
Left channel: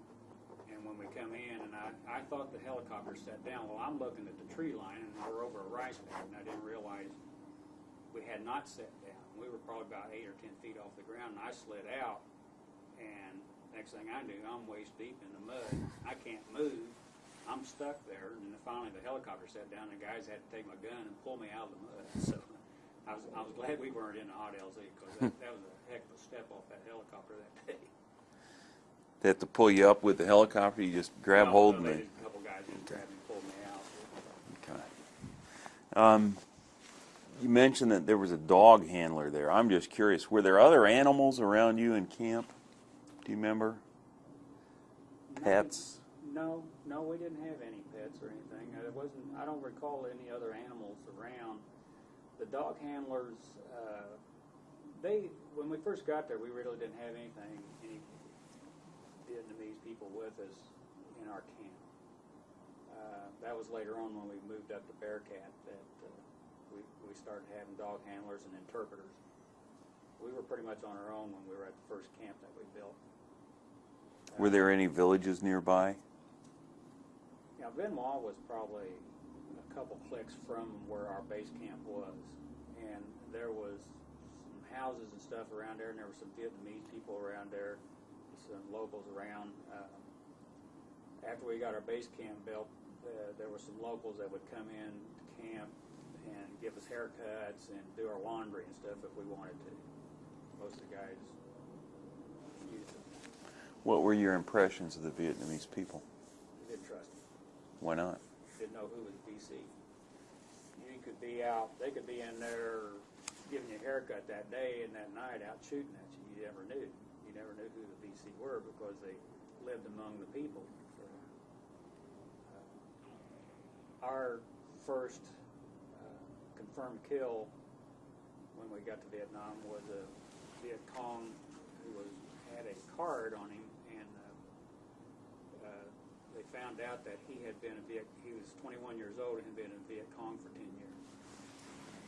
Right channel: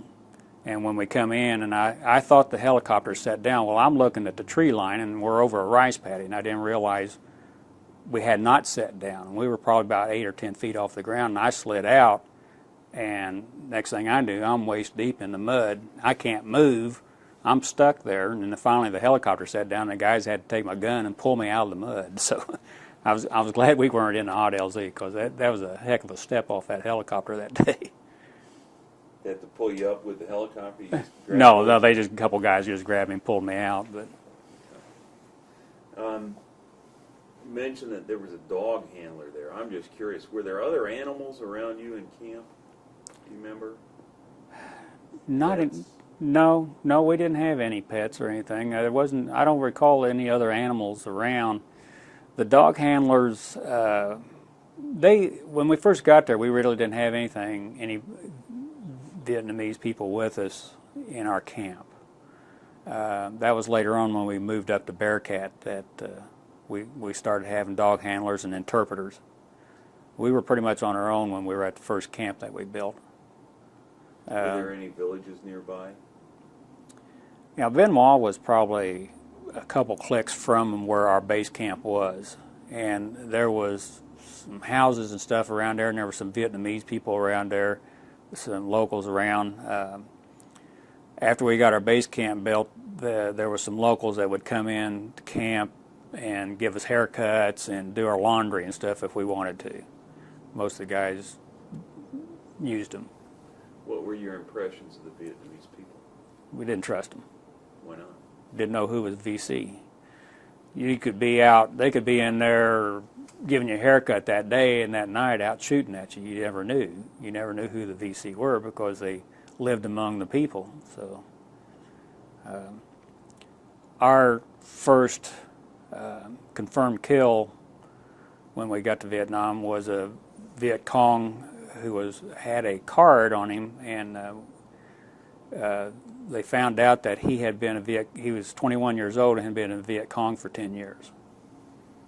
And when we come in, and I thought the helicopter set down, well, I'm looking at the tree line, and we're over a rice paddy, and I didn't realize we had not set down. We were probably about 8 or 10 feet off the ground, and I slid out, and next thing I knew, I'm waist deep in the mud. I can't move. I'm stuck there, and then finally the helicopter sat down, and the guys had to take my gun and pull me out of the mud. So I was glad we weren't in the hot LZ, because that was a heck of a step off that helicopter that day. They have to pull you up with the helicopter? You just grab No, they just a couple guys just grabbed me and pulled me out. But okay. You mentioned that there was a dog handler there. I'm just curious, were there other animals around you in camp? Do you remember? Pets? No, we didn't have any pets or anything. There wasn't. I don't recall any other animals around. The dog handlers, when we first got there, we really didn't have any Vietnamese people with us in our camp. That was later on when we moved up to Bearcat that we started having dog handlers and interpreters. We were pretty much on our own when we were at the first camp that we built. Were there any villages nearby? Now, Benoit was probably a couple clicks from where our base camp was, and there was some houses and stuff around there, and there were some Vietnamese people around there, some locals around. After we got our base camp built, there were some locals that would come in to camp and give us haircuts and do our laundry and stuff if we wanted to. Most of the guys used them. What were your impressions of the Vietnamese people? We didn't trust them. Why not? Didn't know who was VC. You could be out, they could be in there giving you a haircut that day and that night out shooting at you. You never knew. You never knew who the VC were because they lived among the people. So our first confirmed kill when we got to Vietnam was a Viet Cong who had a card on him, and they found out that he was 21 years old and had been in Viet Cong for 10 years.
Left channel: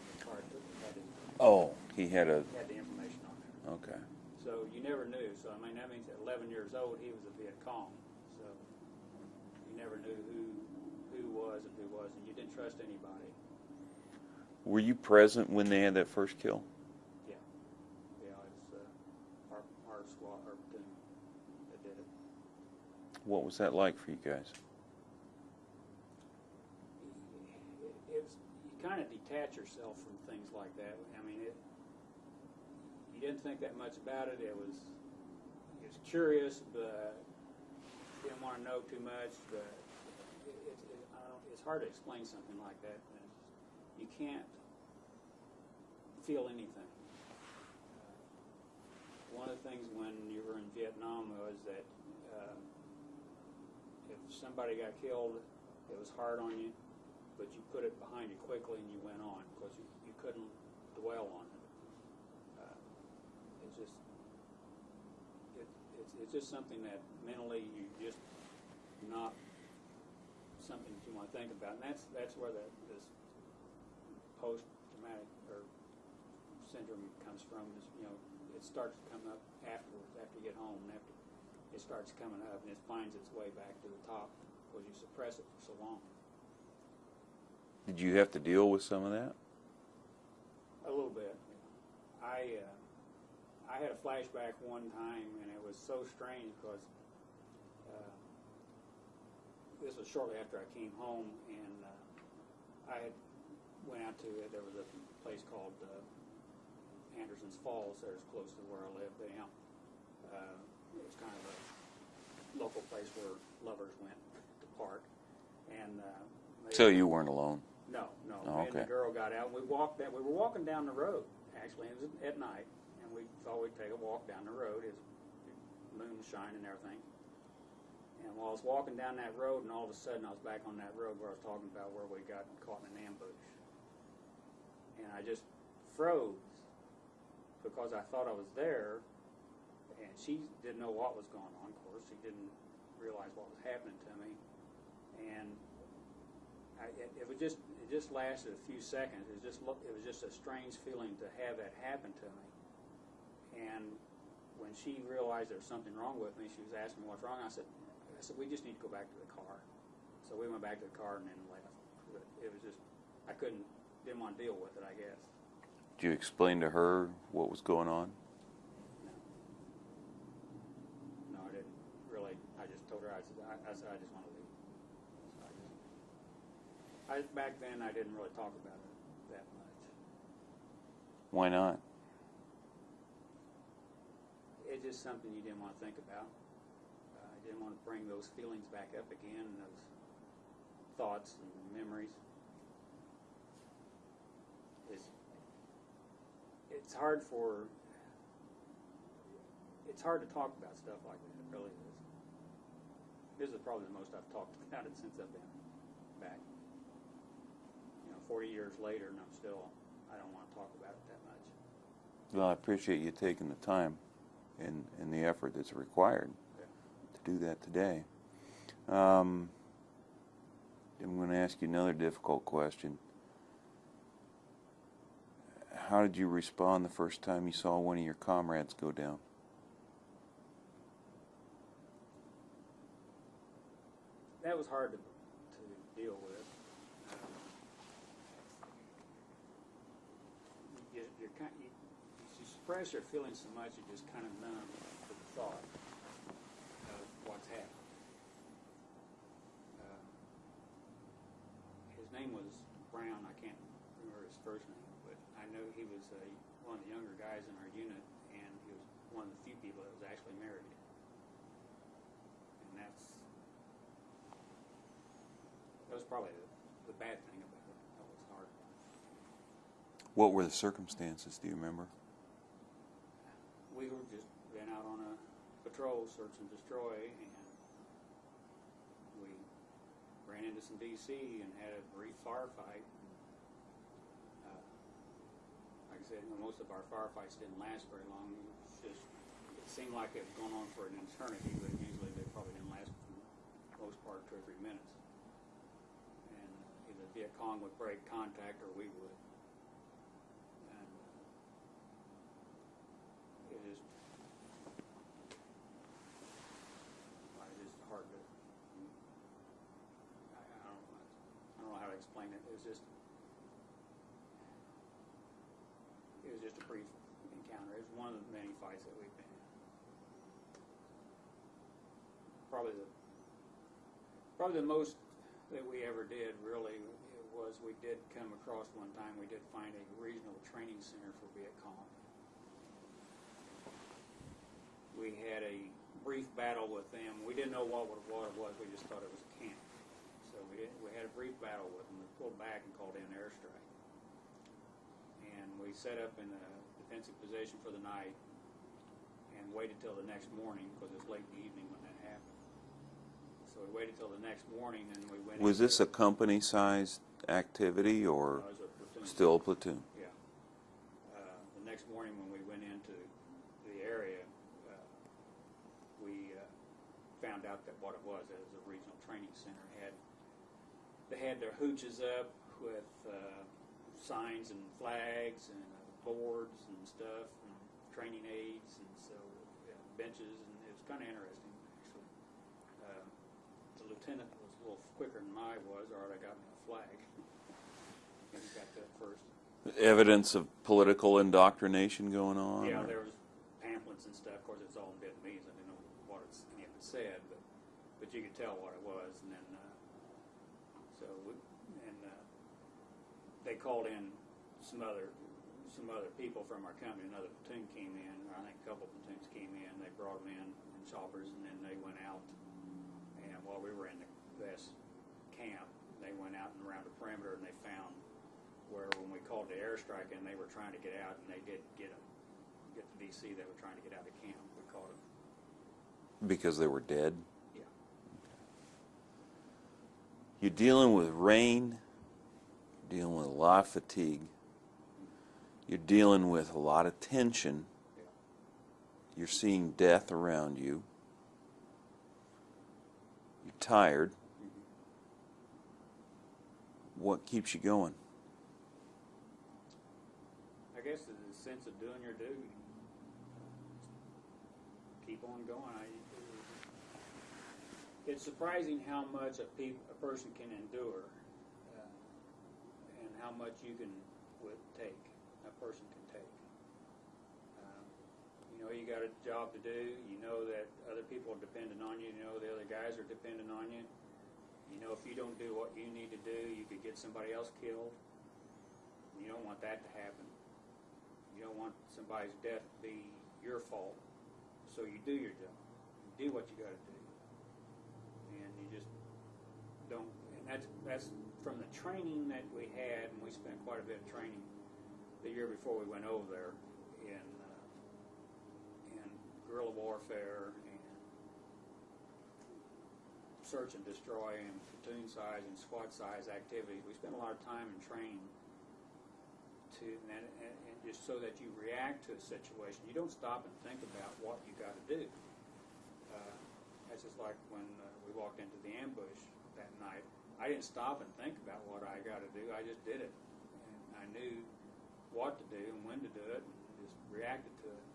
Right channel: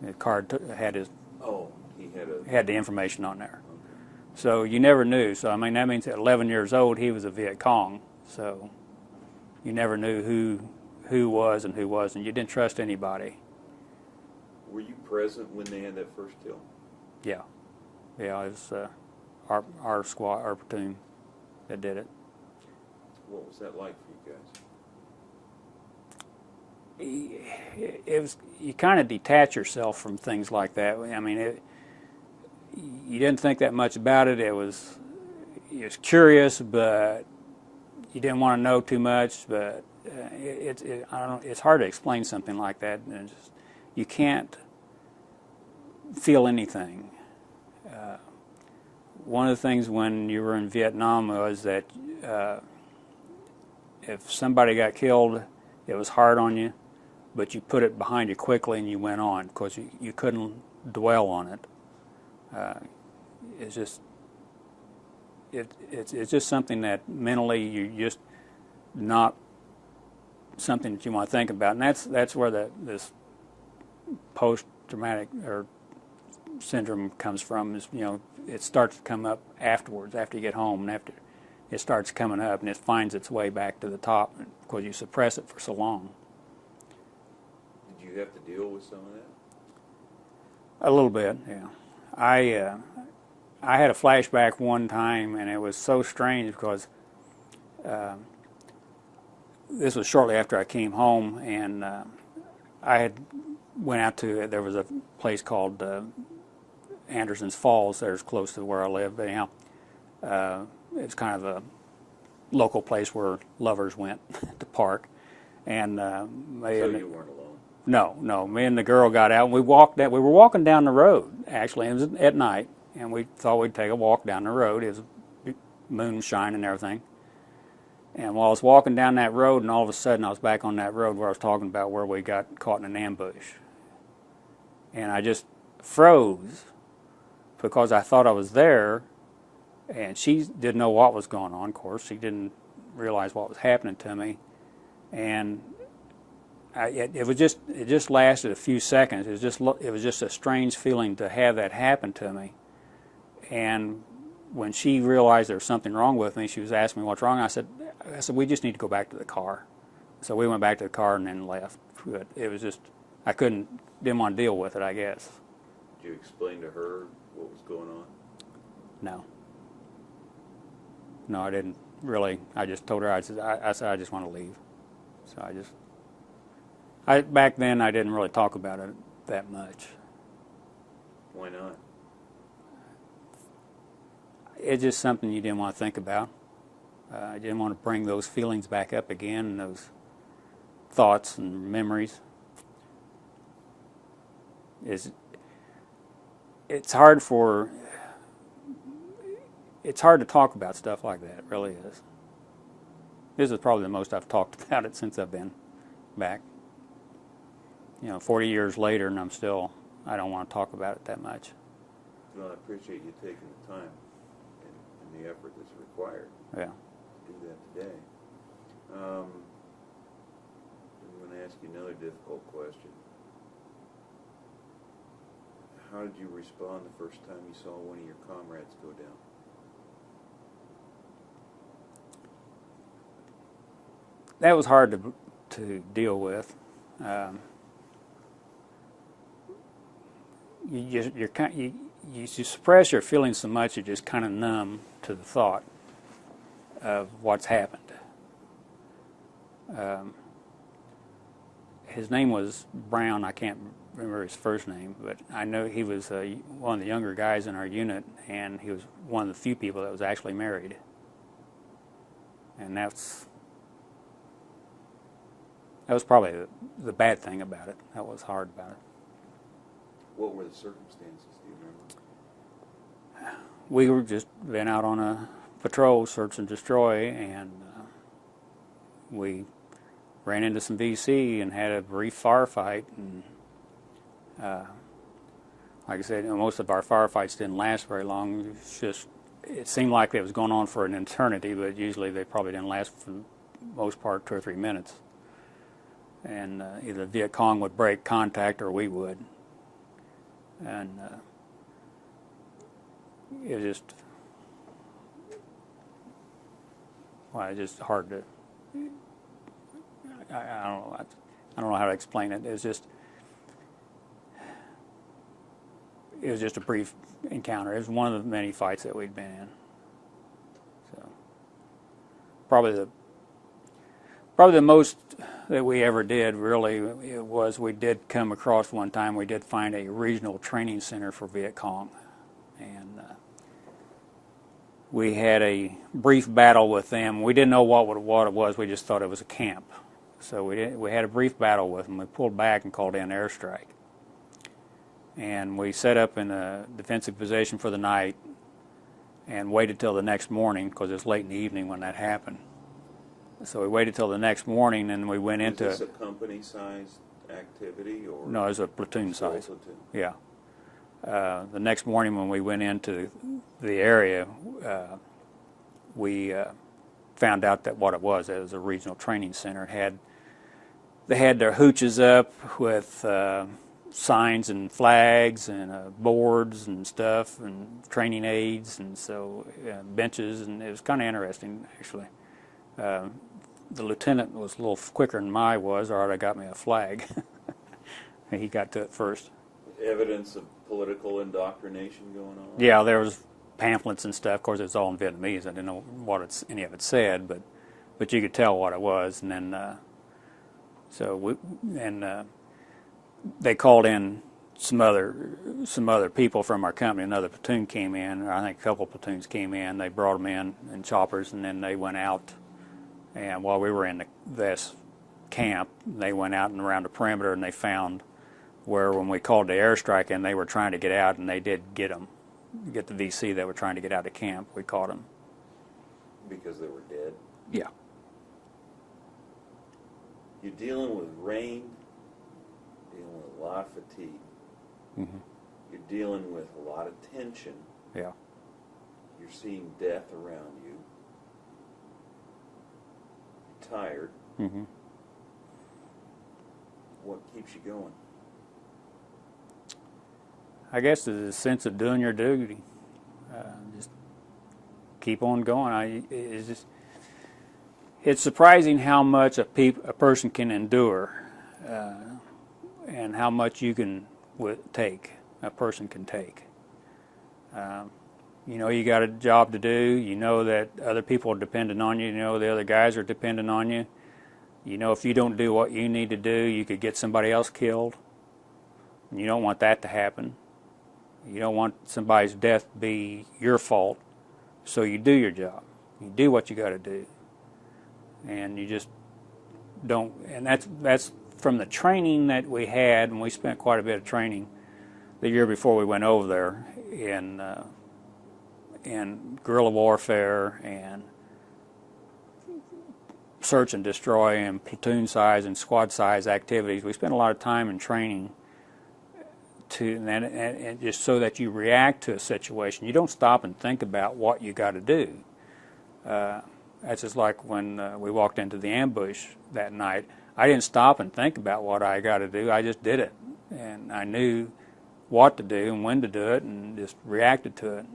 The card had his... Oh, he had the information on there. Okay. So you never knew. So, I mean, that means at 11 years old, he was a Viet Cong. So you never knew who was and who wasn't. You didn't trust anybody. Were you present when they had that first kill? Yeah. Yeah, it was our squad, our platoon that did it. What was that like for you guys? It was, you kind of detach yourself from things like that. I mean, you didn't think that much about it. It was curious, but you didn't want to know too much. But I don't know, it's hard to explain something like that. You can't feel anything. One of the things when you were in Vietnam was that if somebody got killed, it was hard on you. but you put it behind you quickly and you went on because you couldn't dwell on it. It's just it's just something that mentally you just not something that you want to think about, and that's where this post-traumatic or syndrome comes from. Is it starts to come up afterwards, after you get home, and after it starts coming up, and it finds its way back to the top because you suppress it for so long. Did you have to deal with some of that? A little bit, yeah. I had a flashback one time, and it was so strange because this was shortly after I came home, and I had went out to, there was a place called Anderson's Falls there's close to where I live, but anyhow, it's kind of a local place where lovers went to park. And so you weren't alone? No. Me and the girl got out, and we were walking down the road, actually. It was at night, and we thought we'd take a walk down the road. It was moon shining and everything. And while I was walking down that road, and all of a sudden I was back on that road where I was talking about where we got caught in an ambush. And I just froze because I thought I was there, and she didn't know what was going on, of course. She didn't realize what was happening to me. And it just lasted a few seconds. It was just a strange feeling to have that happen to me. And when she realized there was something wrong with me, she was asking me what's wrong. I said, we just need to go back to the car. So we went back to the car and then left. But it was just, didn't want to deal with it, I guess. Did you explain to her what was going on? No, I didn't really. I just told her, I said I just want to leave. So back then I didn't really talk about it that much. Why not? It's just something you didn't want to think about. I didn't want to bring those feelings back up again, and those thoughts and memories. It's hard to talk about stuff like that. It really is. This is probably the most I've talked about it since I've been back. 40 years later, and I don't want to talk about it that much. Well, I appreciate you taking the time and the effort that's required. Yeah. To do that today. I'm going to ask you another difficult question. How did you respond the first time you saw one of your comrades go down? That was hard to deal with. You suppress your feelings so much you're just kind of numb to the thought of what's happened. His name was Brown. I can't remember his first name, but I know he was one of the younger guys in our unit, and he was one of the few people that was actually married. And that was probably the bad thing about it. That was hard about it. What were the circumstances? Do you remember? We were just been out on a patrol, search and destroy, and we ran into some VC and had a brief firefight. And like I said, most of our firefights didn't last very long. It seemed like it was going on for an eternity, but usually they probably didn't last for the most part 2 or 3 minutes. And either Viet Cong would break contact or we would. And it was just hard to. I don't know how to explain it. It was just a brief encounter. It was one of the many fights that we'd been in. So probably the most that we ever did really was we did come across one time. We did find a regional training center for Viet Cong, and we had a brief battle with them. We didn't know what it was. We just thought it was a camp. So we had a brief battle with them. We pulled back and called in airstrike. And we set up in a defensive position for the night and waited till the next morning because it was late in the evening when that happened. So we waited till the next morning and we went into... Was this a company-sized activity, or No, it was a platoon still a size. platoon? Yeah. The next morning when we went into the area, we found out that what it was a regional training center. They had their hooches up with signs and flags and boards and stuff and training aids, and so benches, and it was kind of interesting actually. The lieutenant was a little quicker than I was, or I got me a flag. He got to it first. Evidence of political indoctrination going on? Yeah, there was pamphlets and stuff. Of course, it was all in Vietnamese. I didn't know what any of it said, but you could tell what it was. And then they called in some other people from our company. Another platoon came in. I think a couple platoons came in. They brought them in choppers, and then they went out. And while we were in this camp, they went out and around the perimeter, and they found where when we called the airstrike in, they were trying to get out, and they did get the VC that were trying to get out of camp. We caught them. Because they were dead? Yeah. You're dealing with rain, dealing with a lot of fatigue. Mm-hmm. You're dealing with a lot of tension. Yeah. You're seeing death around you. You're tired. Mm-hmm. What keeps you going? I guess it's a sense of doing your duty. Just keep on going. It's surprising how much a person can endure, and how much you can a person can take. You know you got a job to do. You know that other people are dependent on you. You know the other guys are dependent on you. You know if you don't do what you need to do, you could get somebody else killed. And you don't want that to happen. You don't want somebody's death to be your fault, so you do your job. You do what you got to do, and you just don't. And that's from the training that we had, and we spent quite a bit of training the year before we went over there in guerrilla warfare and search and destroy and platoon size and squad size activities. We spent a lot of time in training. And just so that you react to a situation. You don't stop and think about what you got to do. That's just like when we walked into the ambush that night. I didn't stop and think about what I got to do. I just did it. And I knew what to do and when to do it, and just reacted to it.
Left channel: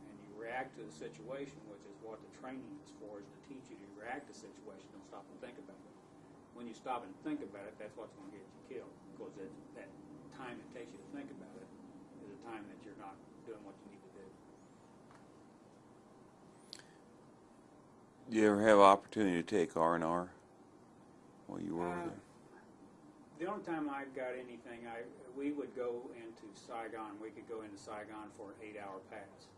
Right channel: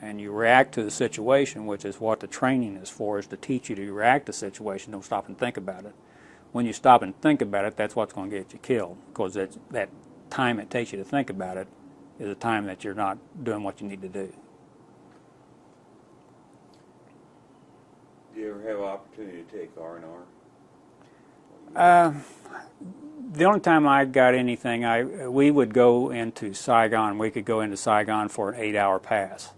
And you react to the situation, which is what the training is for, is to teach you to react to the situation. Don't stop and think about it. When you stop and think about it, that's what's going to get you killed, because that time it takes you to think about it is a time that you're not doing what you need to do. Do you ever have opportunity to take R&R? The only time I got anything, we would go into Saigon. We could go into Saigon for an 8-hour pass.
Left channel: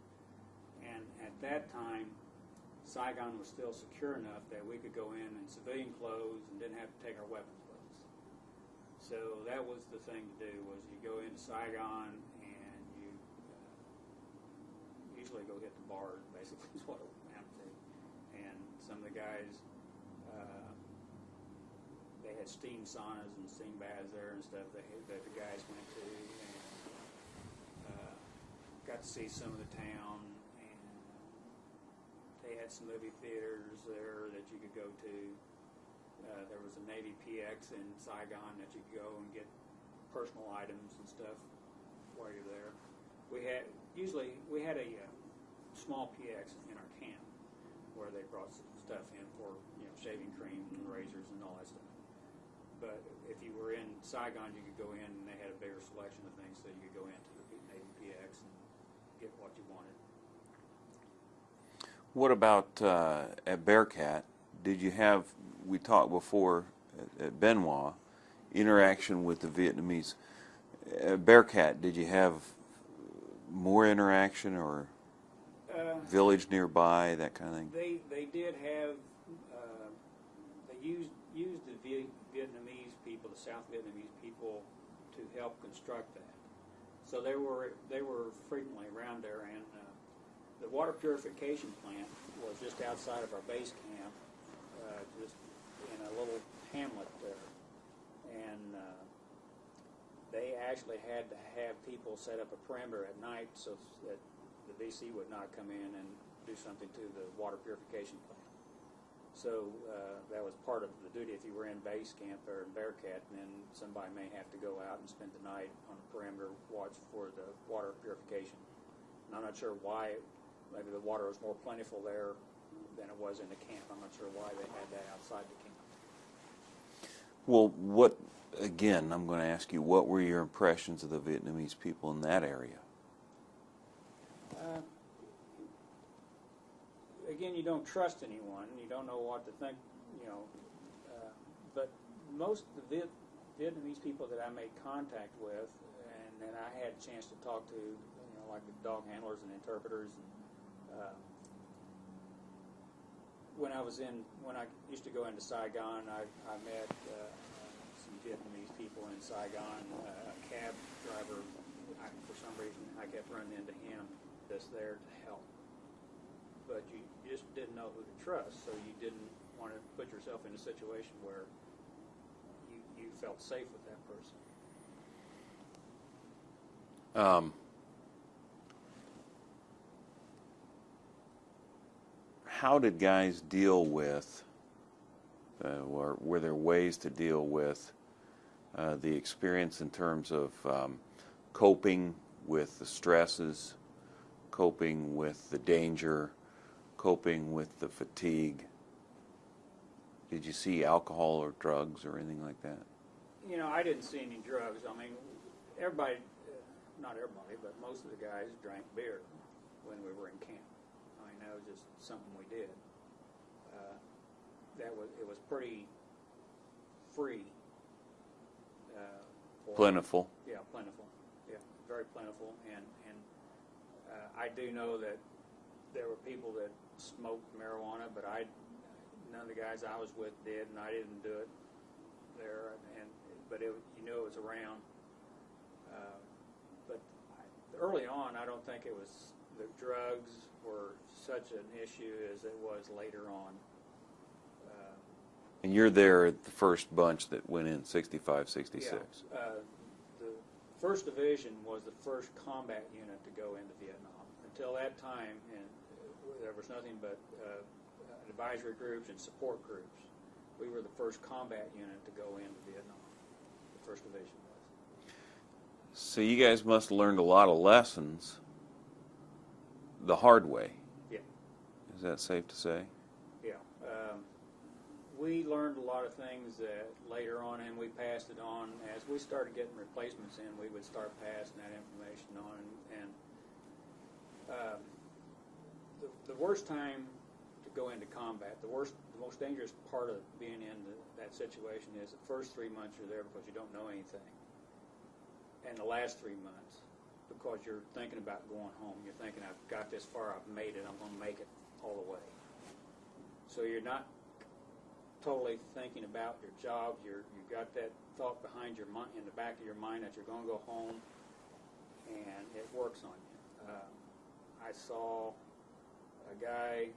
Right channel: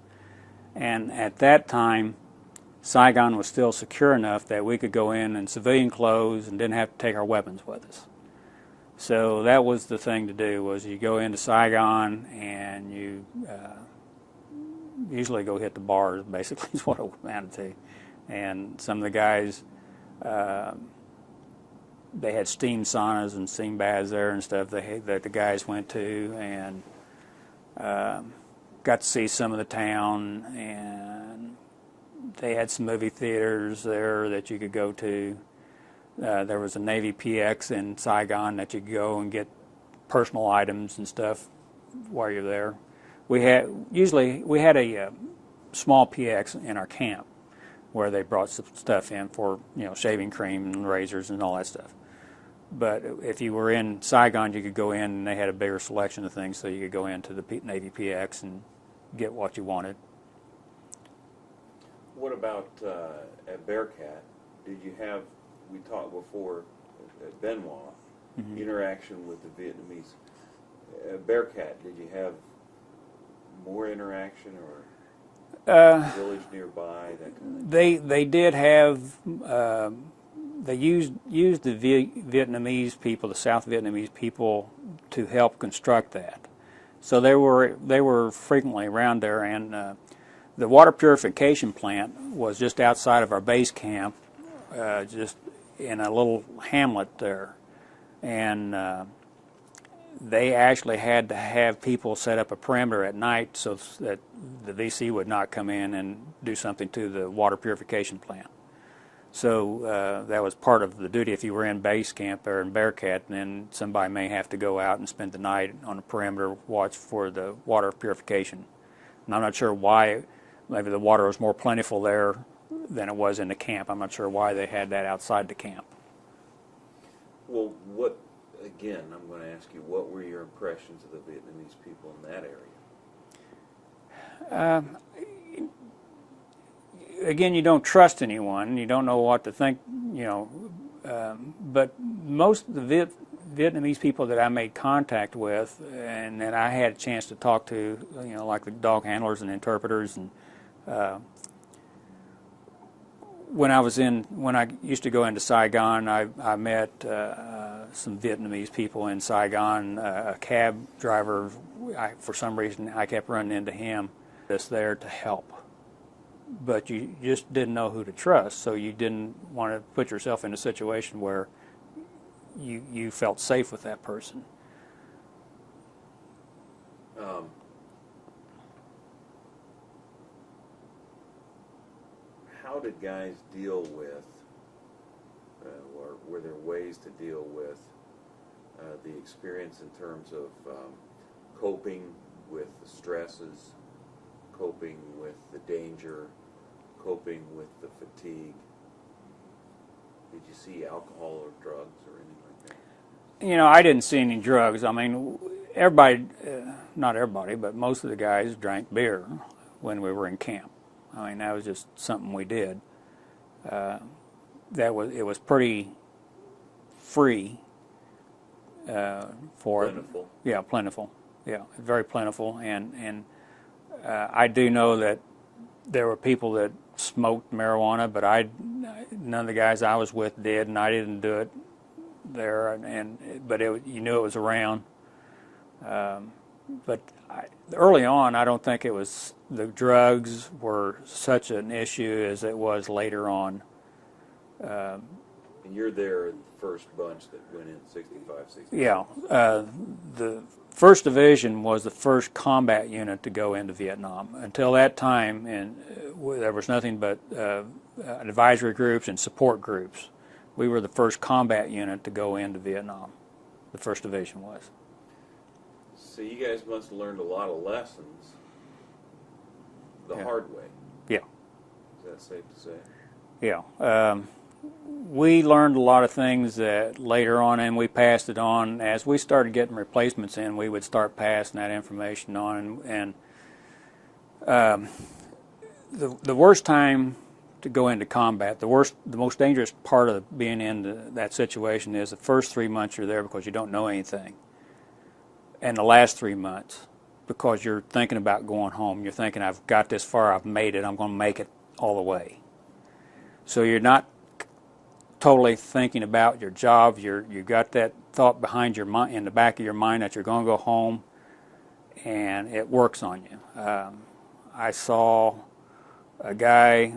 And at that time, Saigon was still secure enough that we could go in civilian clothes and didn't have to take our weapons with us. So that was the thing to do, was you go into Saigon and you usually go hit the bars, basically is what it amounted to. And some of the guys, they had steam saunas and steam baths there and stuff that the guys went to, and got to see some of the town, and they had some movie theaters there that you could go to. There was a Navy PX in Saigon that you could go and get personal items and stuff while you're there. We had a small PX in our camp where they brought some stuff in for, shaving cream and razors and all that stuff. But if you were in Saigon, you could go in and they had a bigger selection of things, so you could go into the Navy PX and get what you wanted. What about at Bearcat? Did you have, we talked before at Benoit, interaction with the Vietnamese. At Bearcat, did you have more interaction, or village nearby, that kind of thing? They did have, they used the Vietnamese people, the South Vietnamese people, to help construct that. So they were frequently around there, and the water purification plant was just outside of our base camp, just in a little hamlet there. and they actually had to have people set up a perimeter at night so that the VC would not come in and do something to the water purification plant. So that was part of the duty. If you were in base camp or in Bearcat, then somebody may have to go out and spend the night on the perimeter, watch for the water purification. And I'm not sure why. Maybe the water was more plentiful there than it was in the camp. I'm not sure why they had that outside the camp. Well, again, I'm going to ask you, what were your impressions of the Vietnamese people in that area? Again, you don't trust anyone. You don't know what to think, but most of the Vietnamese people that I made contact with and that I had a chance to talk to, like the dog handlers and interpreters, and when I used to go into Saigon, I met some Vietnamese people in Saigon. A cab driver, for some reason, I kept running into him. That's there to help, but you just didn't know who to trust, so you didn't want to put yourself in a situation where you felt safe with that person. How did guys deal with, or were there ways to deal with the experience in terms of coping with the stresses, coping with the danger, coping with the fatigue? Did you see alcohol or drugs or anything like that? I didn't see any drugs. I mean, everybody, not everybody, but most of the guys drank beer when we were in camp. I mean, that was just something we did. It was pretty free for Plentiful. Yeah, plentiful. Yeah, very plentiful. And I do know that there were people that smoked marijuana, but none of the guys I was with did, and I didn't do it there. But you knew it was around. But early on, I don't think the drugs were such an issue as it was later on. And you're there at the first bunch that went in 65, 66. Yeah. The First Division was the first combat unit to go into Vietnam. Until that time, there was nothing but advisory groups and support groups. We were the first combat unit to go into Vietnam. The First Division was. So you guys must have learned a lot of lessons the hard way. Yeah. Is that safe to say? Yeah. We learned a lot of things that later on, and we passed it on. As we started getting replacements in, we would start passing that information on. And the worst time to go into combat, the most dangerous part of being in that situation is the first 3 months you're there because you don't know anything. And the last 3 months, because you're thinking about going home. You're thinking, I've got this far, I've made it, I'm going to make it all the way. So you're not totally thinking about your job. You've got that thought behind your mind, in the back of your mind, that you're going to go home, and it works on you. I saw a guy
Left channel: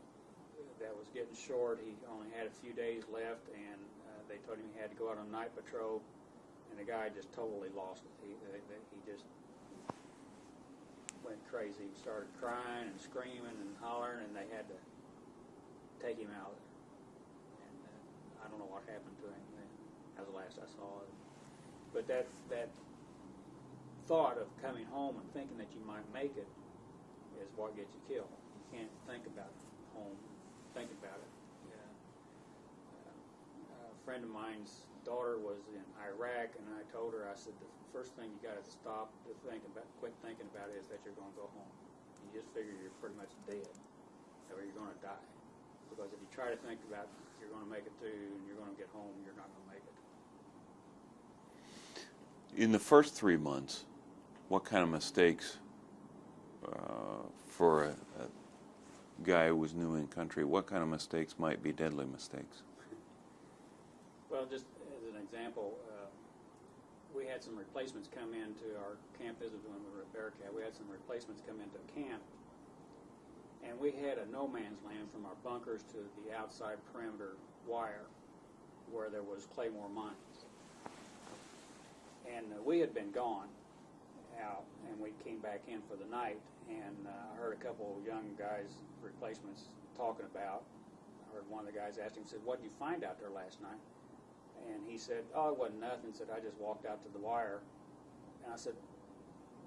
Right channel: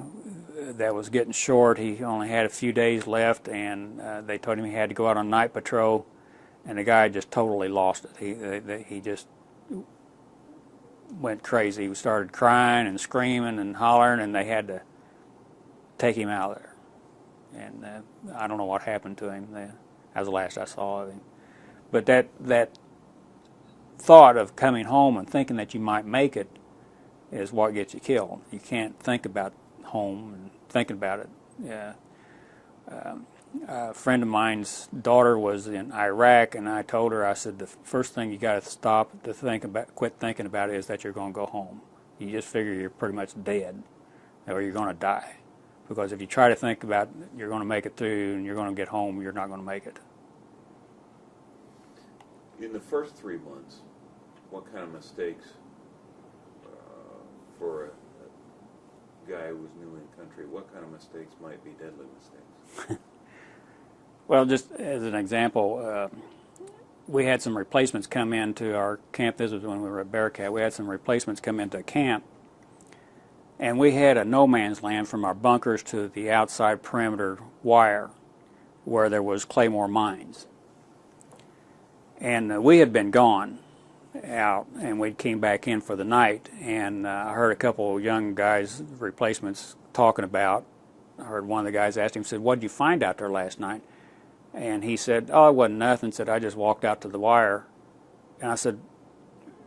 that was getting short. He only had a few days left, and they told him he had to go out on night patrol, and the guy just totally lost it. He just went crazy. He started crying and screaming and hollering, and they had to take him out of there. And I don't know what happened to him. That was the last I saw of him. But that thought of coming home and thinking that you might make it is what gets you killed. You can't think about home and thinking about it. A friend of mine's daughter was in Iraq, and I told her, I said, the first thing you got to stop to quit thinking about it is that you're going to go home. You just figure you're pretty much dead, or you're going to die. Because if you try to think about you're going to make it through and you're going to get home, you're not going to make it. In the first 3 months, what kind of mistakes for a guy who was new in country, what kind of mistakes might be deadly mistakes? Well, just as an example, we had some replacements come into our camp. This was when we were at Bearcat. We had some replacements come into camp, and we had a no man's land from our bunkers to the outside perimeter wire where there was claymore mines. And we had been gone out, and we came back in for the night, and I heard a couple of young guys, replacements, talking about. I heard one of the guys asked him, said, "What did you find out there last night?" And he said, "Oh, it wasn't nothing." Said, "I just walked out to the wire." And I said,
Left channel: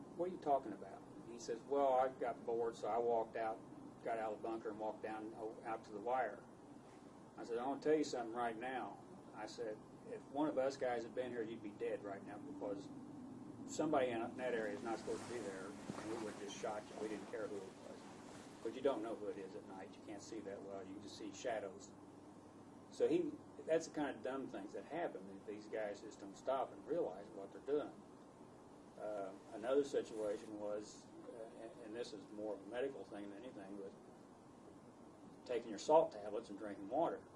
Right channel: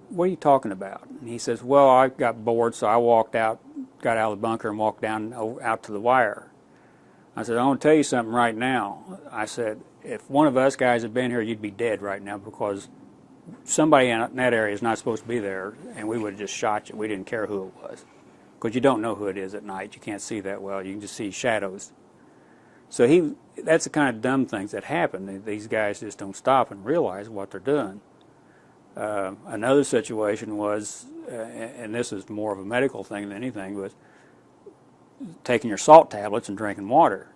"What are you talking about?" And he says, "Well, I got bored, so I walked out, got out of the bunker and walked down out to the wire." I said, "I want to tell you something right now." I said, "If one of us guys had been here, you'd be dead right now, because somebody in that area is not supposed to be there, and we would have just shot you. We didn't care who it was, because you don't know who it is at night. You can't see that well. You can just see shadows." So that's the kind of dumb things that happen. These guys just don't stop and realize what they're doing. Another situation was, and this is more of a medical thing than anything, was taking your salt tablets and drinking water.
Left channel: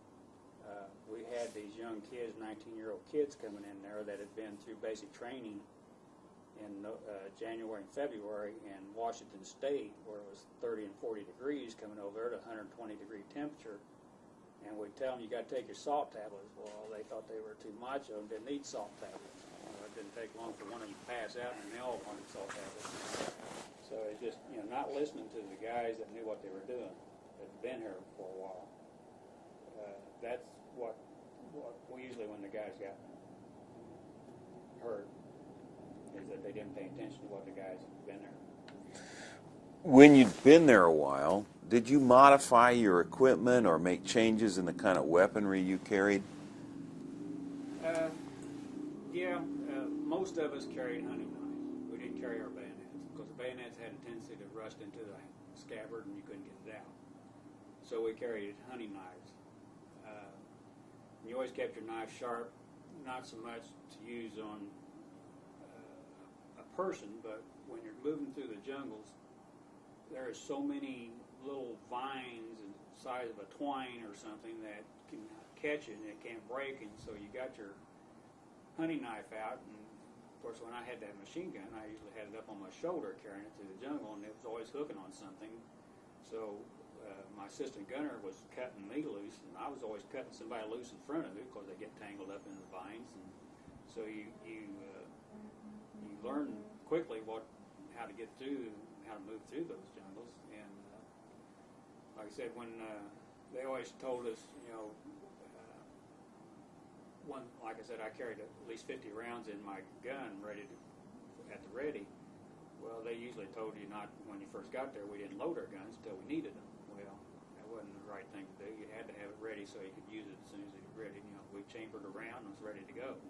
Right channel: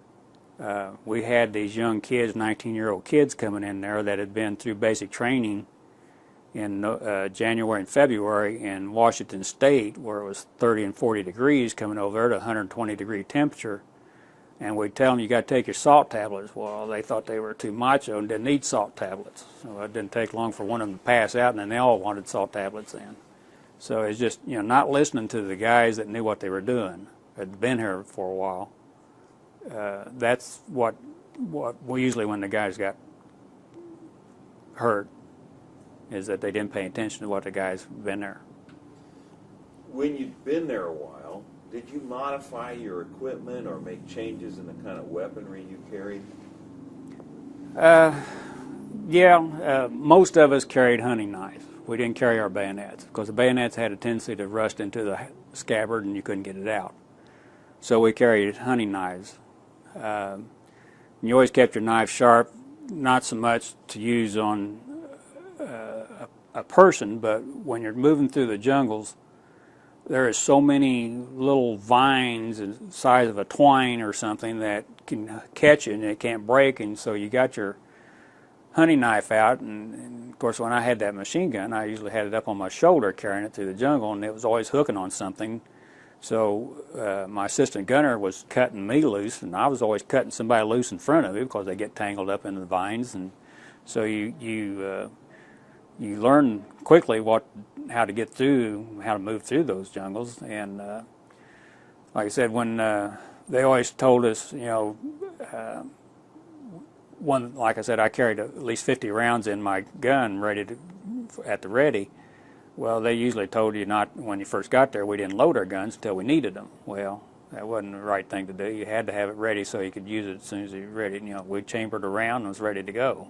We had these young kids, 19-year-old kids, coming in there that had been through basic training in January and February in Washington State, where it was 30 and 40 degrees, coming over there to 120-degree temperature. And we'd tell them, "You got to take your salt tablets." Well, they thought they were too macho and didn't need salt tablets. So it didn't take long for one of them to pass out, and then they all wanted salt tablets then. So it's just, not listening to the guys that knew what they were doing, had been here for a while. That's what we usually, when the guys got hurt, is that they didn't pay attention to what the guys had been there. When you'd been there a while, did you modify your equipment or make changes in the kind of weaponry you carried? Most of us carried hunting knives. We didn't carry our bayonets, because the bayonets had a tendency to rust into the scabbard and you couldn't get it out. So we carried hunting knives. You always kept your knife sharp, not so much to use on a person, but when you're moving through the jungles, there is so many little vines the size of a twine or something that can catch you and it can't break, and so you got your hunting knife out, and of course when I had that machine gun, I usually had it up on my shoulder carrying it through the jungle, and it was always hooking on something. So my assistant gunner was cutting me loose, and I was always cutting somebody loose in front of me, because they get tangled up in the vines. And so you learn quickly how to get through, how to move through those jungles. And like I said, when they always told us, like I said, I carried at least 50 rounds in my gun at the ready. Well, they usually told you not, when you first got there, we didn't load our guns until we needed them. Well, that wasn't the right thing to do. You had to have it ready so you could use it as soon as you were ready. We chambered a round and was ready to go.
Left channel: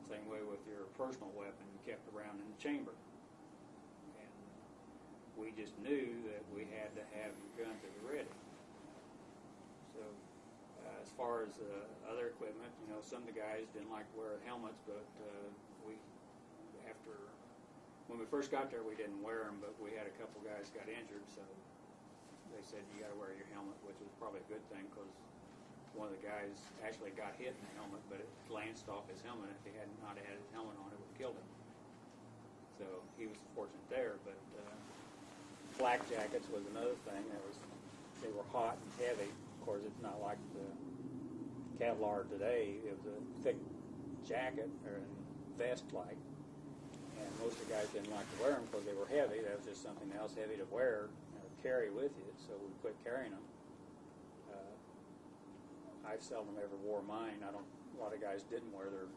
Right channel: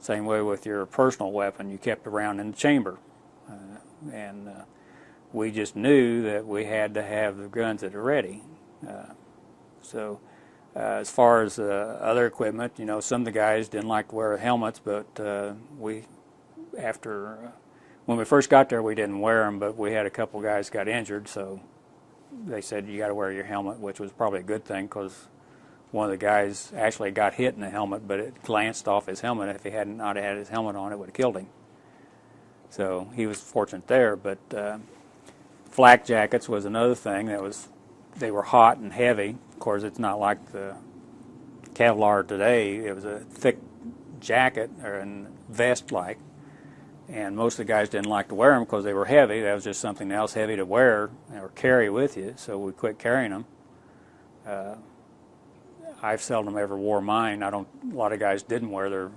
Same way with your personal weapon. You kept the round in the chamber. We just knew that we had to have the guns that are ready. As far as other equipment, some of the guys didn't like to wear helmets, but when we first got there, we didn't wear them, but we had a couple guys got injured, so they said you got to wear your helmet, which was probably a good thing, because one of the guys actually got hit in the helmet, but it glanced off his helmet. If he had not had his helmet on, it would have killed him. So he was fortunate there. But flak jackets was another thing. They were hot and heavy. Of course, it's not like the Kevlar today. It was a thick jacket or vest-like. And most of the guys didn't like to wear them because they were heavy. That was just something else heavy to wear or carry with you, so we quit carrying them. I've seldom ever wore mine. A lot of guys didn't wear their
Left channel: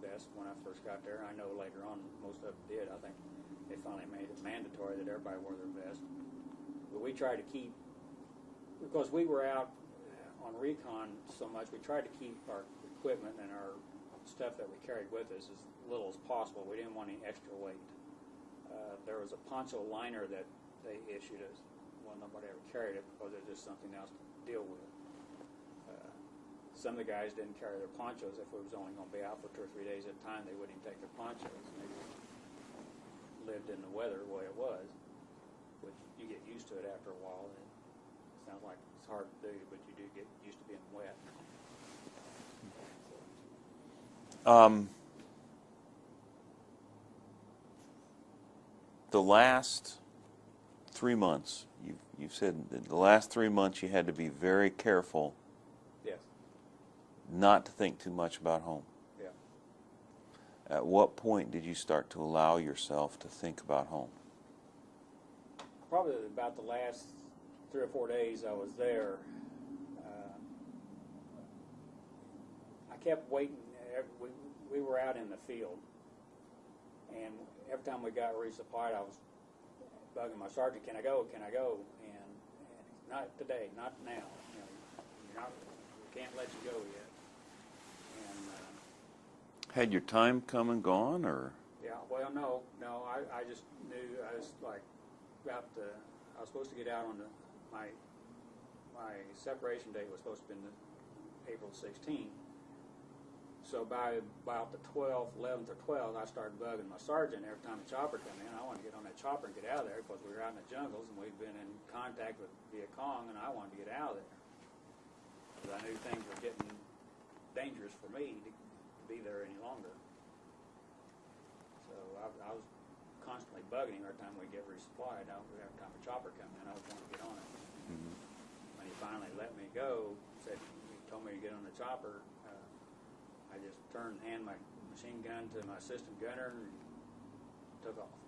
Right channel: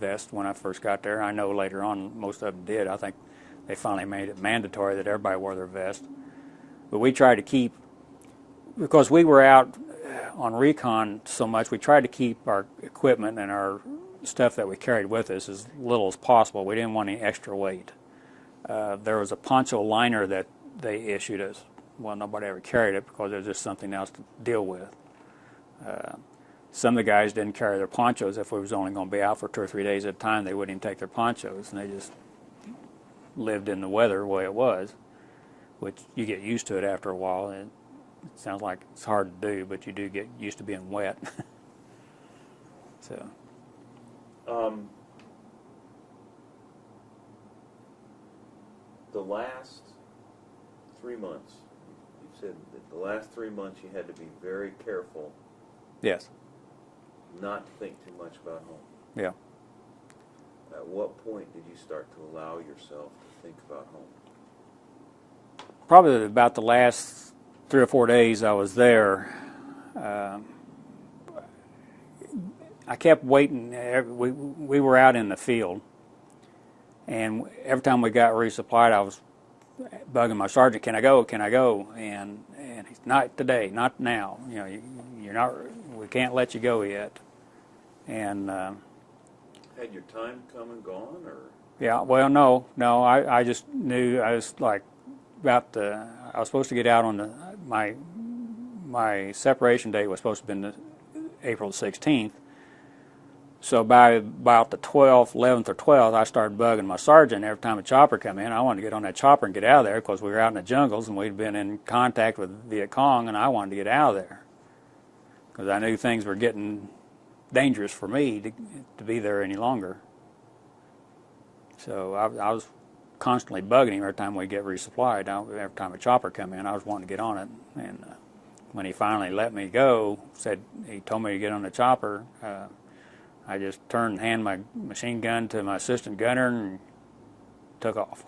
vest when I first got there. I know later on most of them did. I think they finally made it mandatory that everybody wore their vest. But we tried to keep, because we were out on recon so much, we tried to keep our equipment and our stuff that we carried with us as little as possible. We didn't want any extra weight. There was a poncho liner that they issued us. Well, nobody ever carried it because it was just something else to deal with. Some of the guys didn't carry their ponchos. If we was only going to be out for 2 or 3 days at a time, they wouldn't even take their ponchos, and they just lived in the weather the way it was, which you get used to it after a while. It sounds like it's hard to do, but you do get used to being wet. So. The last 3 months, you've said that the last 3 months you had to be very careful. Yes. Not to think too much about home. Yeah. At what point did you start to allow yourself to think about home? Probably about the last 3 or 4 days I was there. I kept waiting. We were out in the field, and every time we got resupplied, I was bugging my sergeant, "Can I go? Can I go?" And he's, "Not today, not now. You know, you're not. We can't let you go yet." And Had your time come and gone, or? yeah, well, no. I just knew I was like I was supposed to get out on my separation date was supposed to have been April 16th. So by about the 12th, 11th or 12th, I started bugging my sergeant every time a chopper come in. I wanted to get on that chopper and get out of there because we were out in the jungles and we'd been in contact with Viet Cong, and I wanted to get out of there because I knew things were getting dangerous for me to be there any longer. So I was constantly bugging him every time we get resupplied. Every time a chopper come in, I was wanting to get on it. And when he finally let me go, he told me to get on the chopper, I just turned and handed my machine gun to my assistant gunner and took off.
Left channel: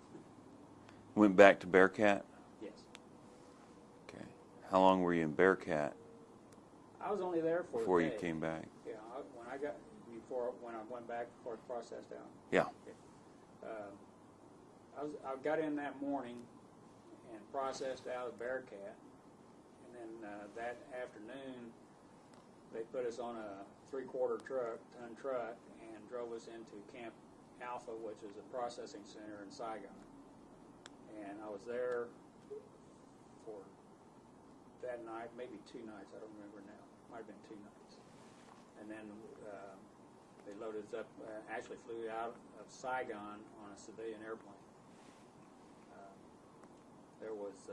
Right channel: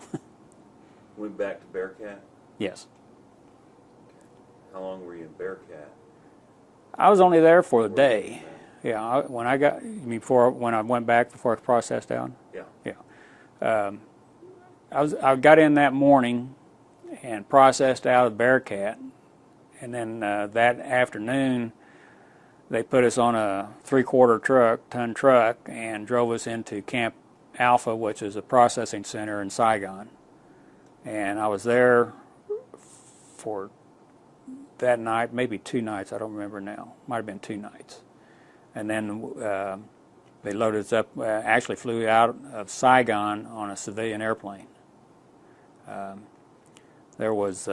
Went back to Bearcat? Yes. Okay. How long were you in Bearcat? I was only there for a Before you day. came back? Yeah, when I went back before I processed down? Yeah. Yeah. I got in that morning and processed out of Bearcat, and then that afternoon they put us on a 3/4 ton truck and drove us into Camp Alpha, which is a processing center in Saigon. And I was there for that night, maybe 2 nights, I don't remember now. Might have been 2 nights. And then they loaded us up, actually flew out of Saigon on a civilian airplane. There was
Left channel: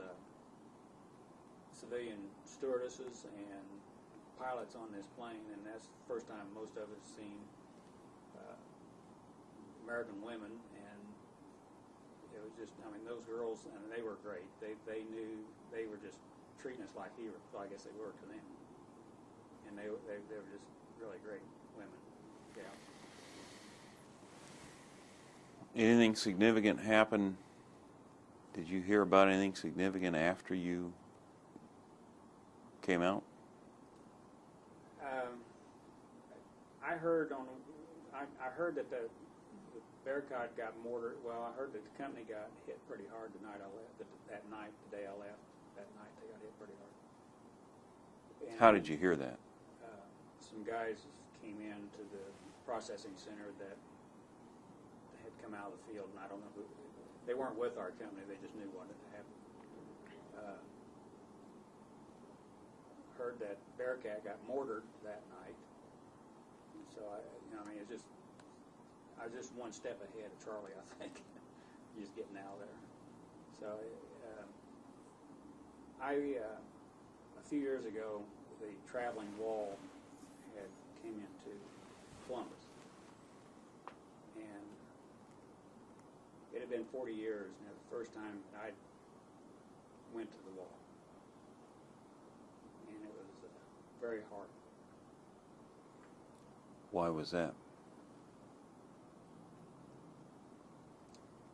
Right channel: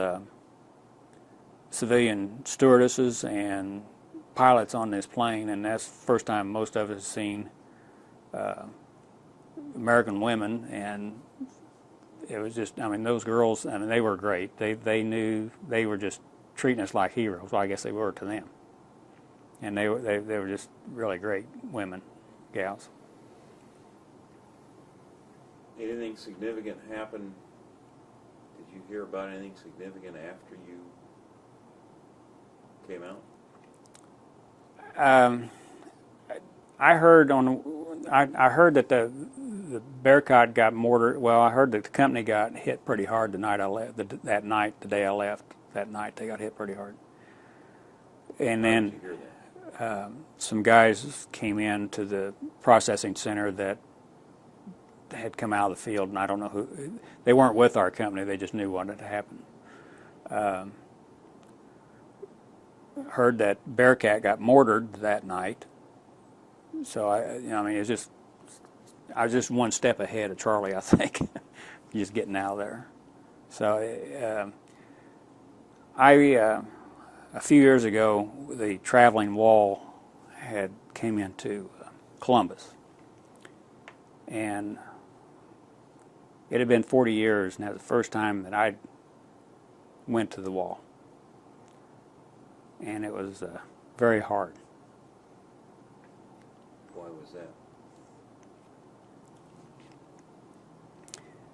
civilian stewardesses and pilots on this plane, and that's the first time most of us seen American women. And it was just, I mean, those girls, I mean, they were great. They knew, they were just treating us like heroes. Well, I guess they were to them. And they were just really great women, gals. Anything significant happen? Did you hear about anything significant after you came out? I heard that the Bearcat got mortared. Well, I heard that the company got hit pretty hard the night I left. That night, the day I left, that night they got hit pretty hard. And How then did you hear that? some guys came in to the processing center that had come out of the field, and I don't know who. They weren't with our company. They just knew what had happened. Heard that Bearcat got mortared that night. So I mean, I was just one step ahead of Charlie, I think, just getting out of there. So a few years ago, the traveling wall came into Columbus, and it had been 40 years, and that was the first time that I went to the wall, and it was very hard. Why was that?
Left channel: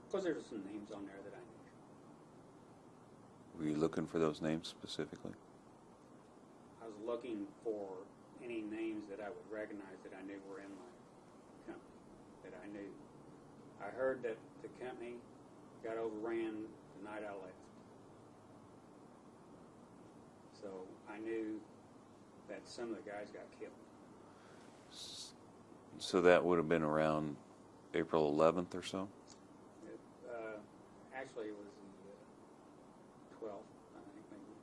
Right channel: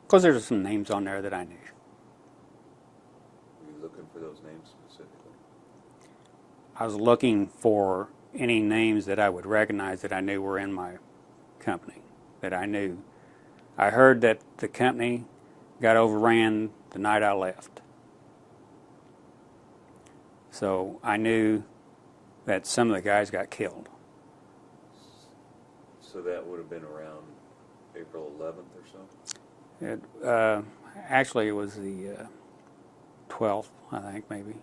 Because there were some names on there that I knew. Were you looking for those names specifically? I was looking for any names that I would recognize that I knew were in my company, that I knew. I heard that the company got overran the night I left. So I knew that some of the guys got killed. So that would have been around April 11th or so? Actually, it was the 12th, I think, maybe.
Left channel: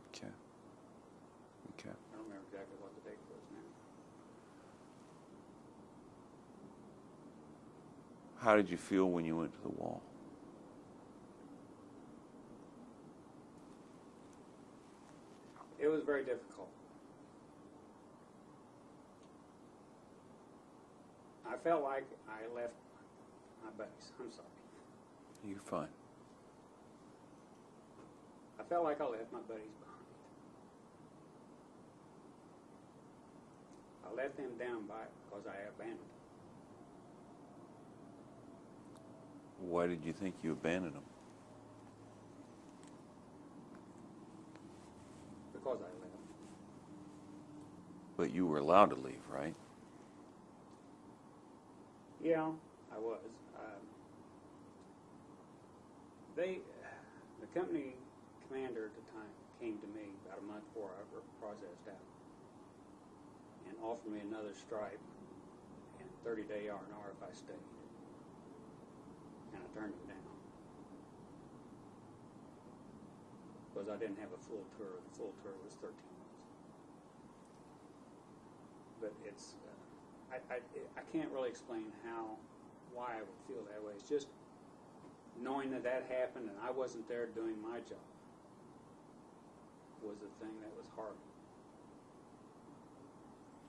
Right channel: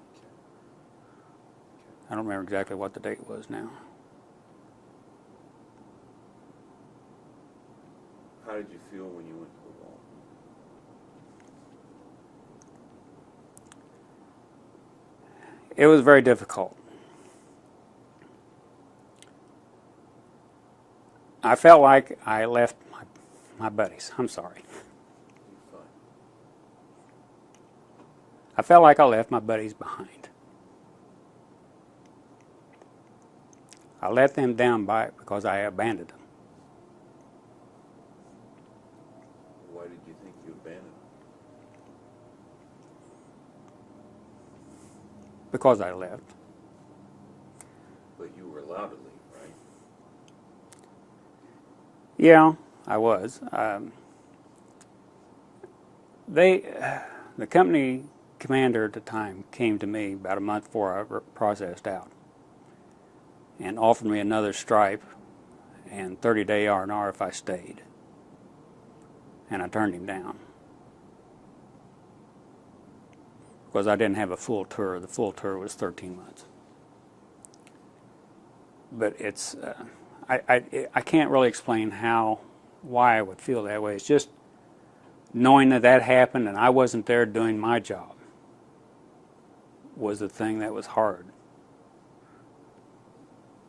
Okay. I don't remember exactly what the date was now. How did you feel when you went to the wall? It was very difficult. I felt like I left my buddies. I'm sorry. You're fine. I felt like I left my buddies behind. I let them down by it because I abandoned them. Why did you think you abandoned them? Because I left. But you were allowed to leave, right? Yeah, I was. The company commander at the time came to me about a month before I processed out and offered me another stripe and 30-day R&R if I stayed. And I turned him down because I didn't have a full tour. The full tour was 13 months. But it's, I can't really explain why I would feel that way. It's just knowing that happened and I wasn't there doing my job was the thing that was hard.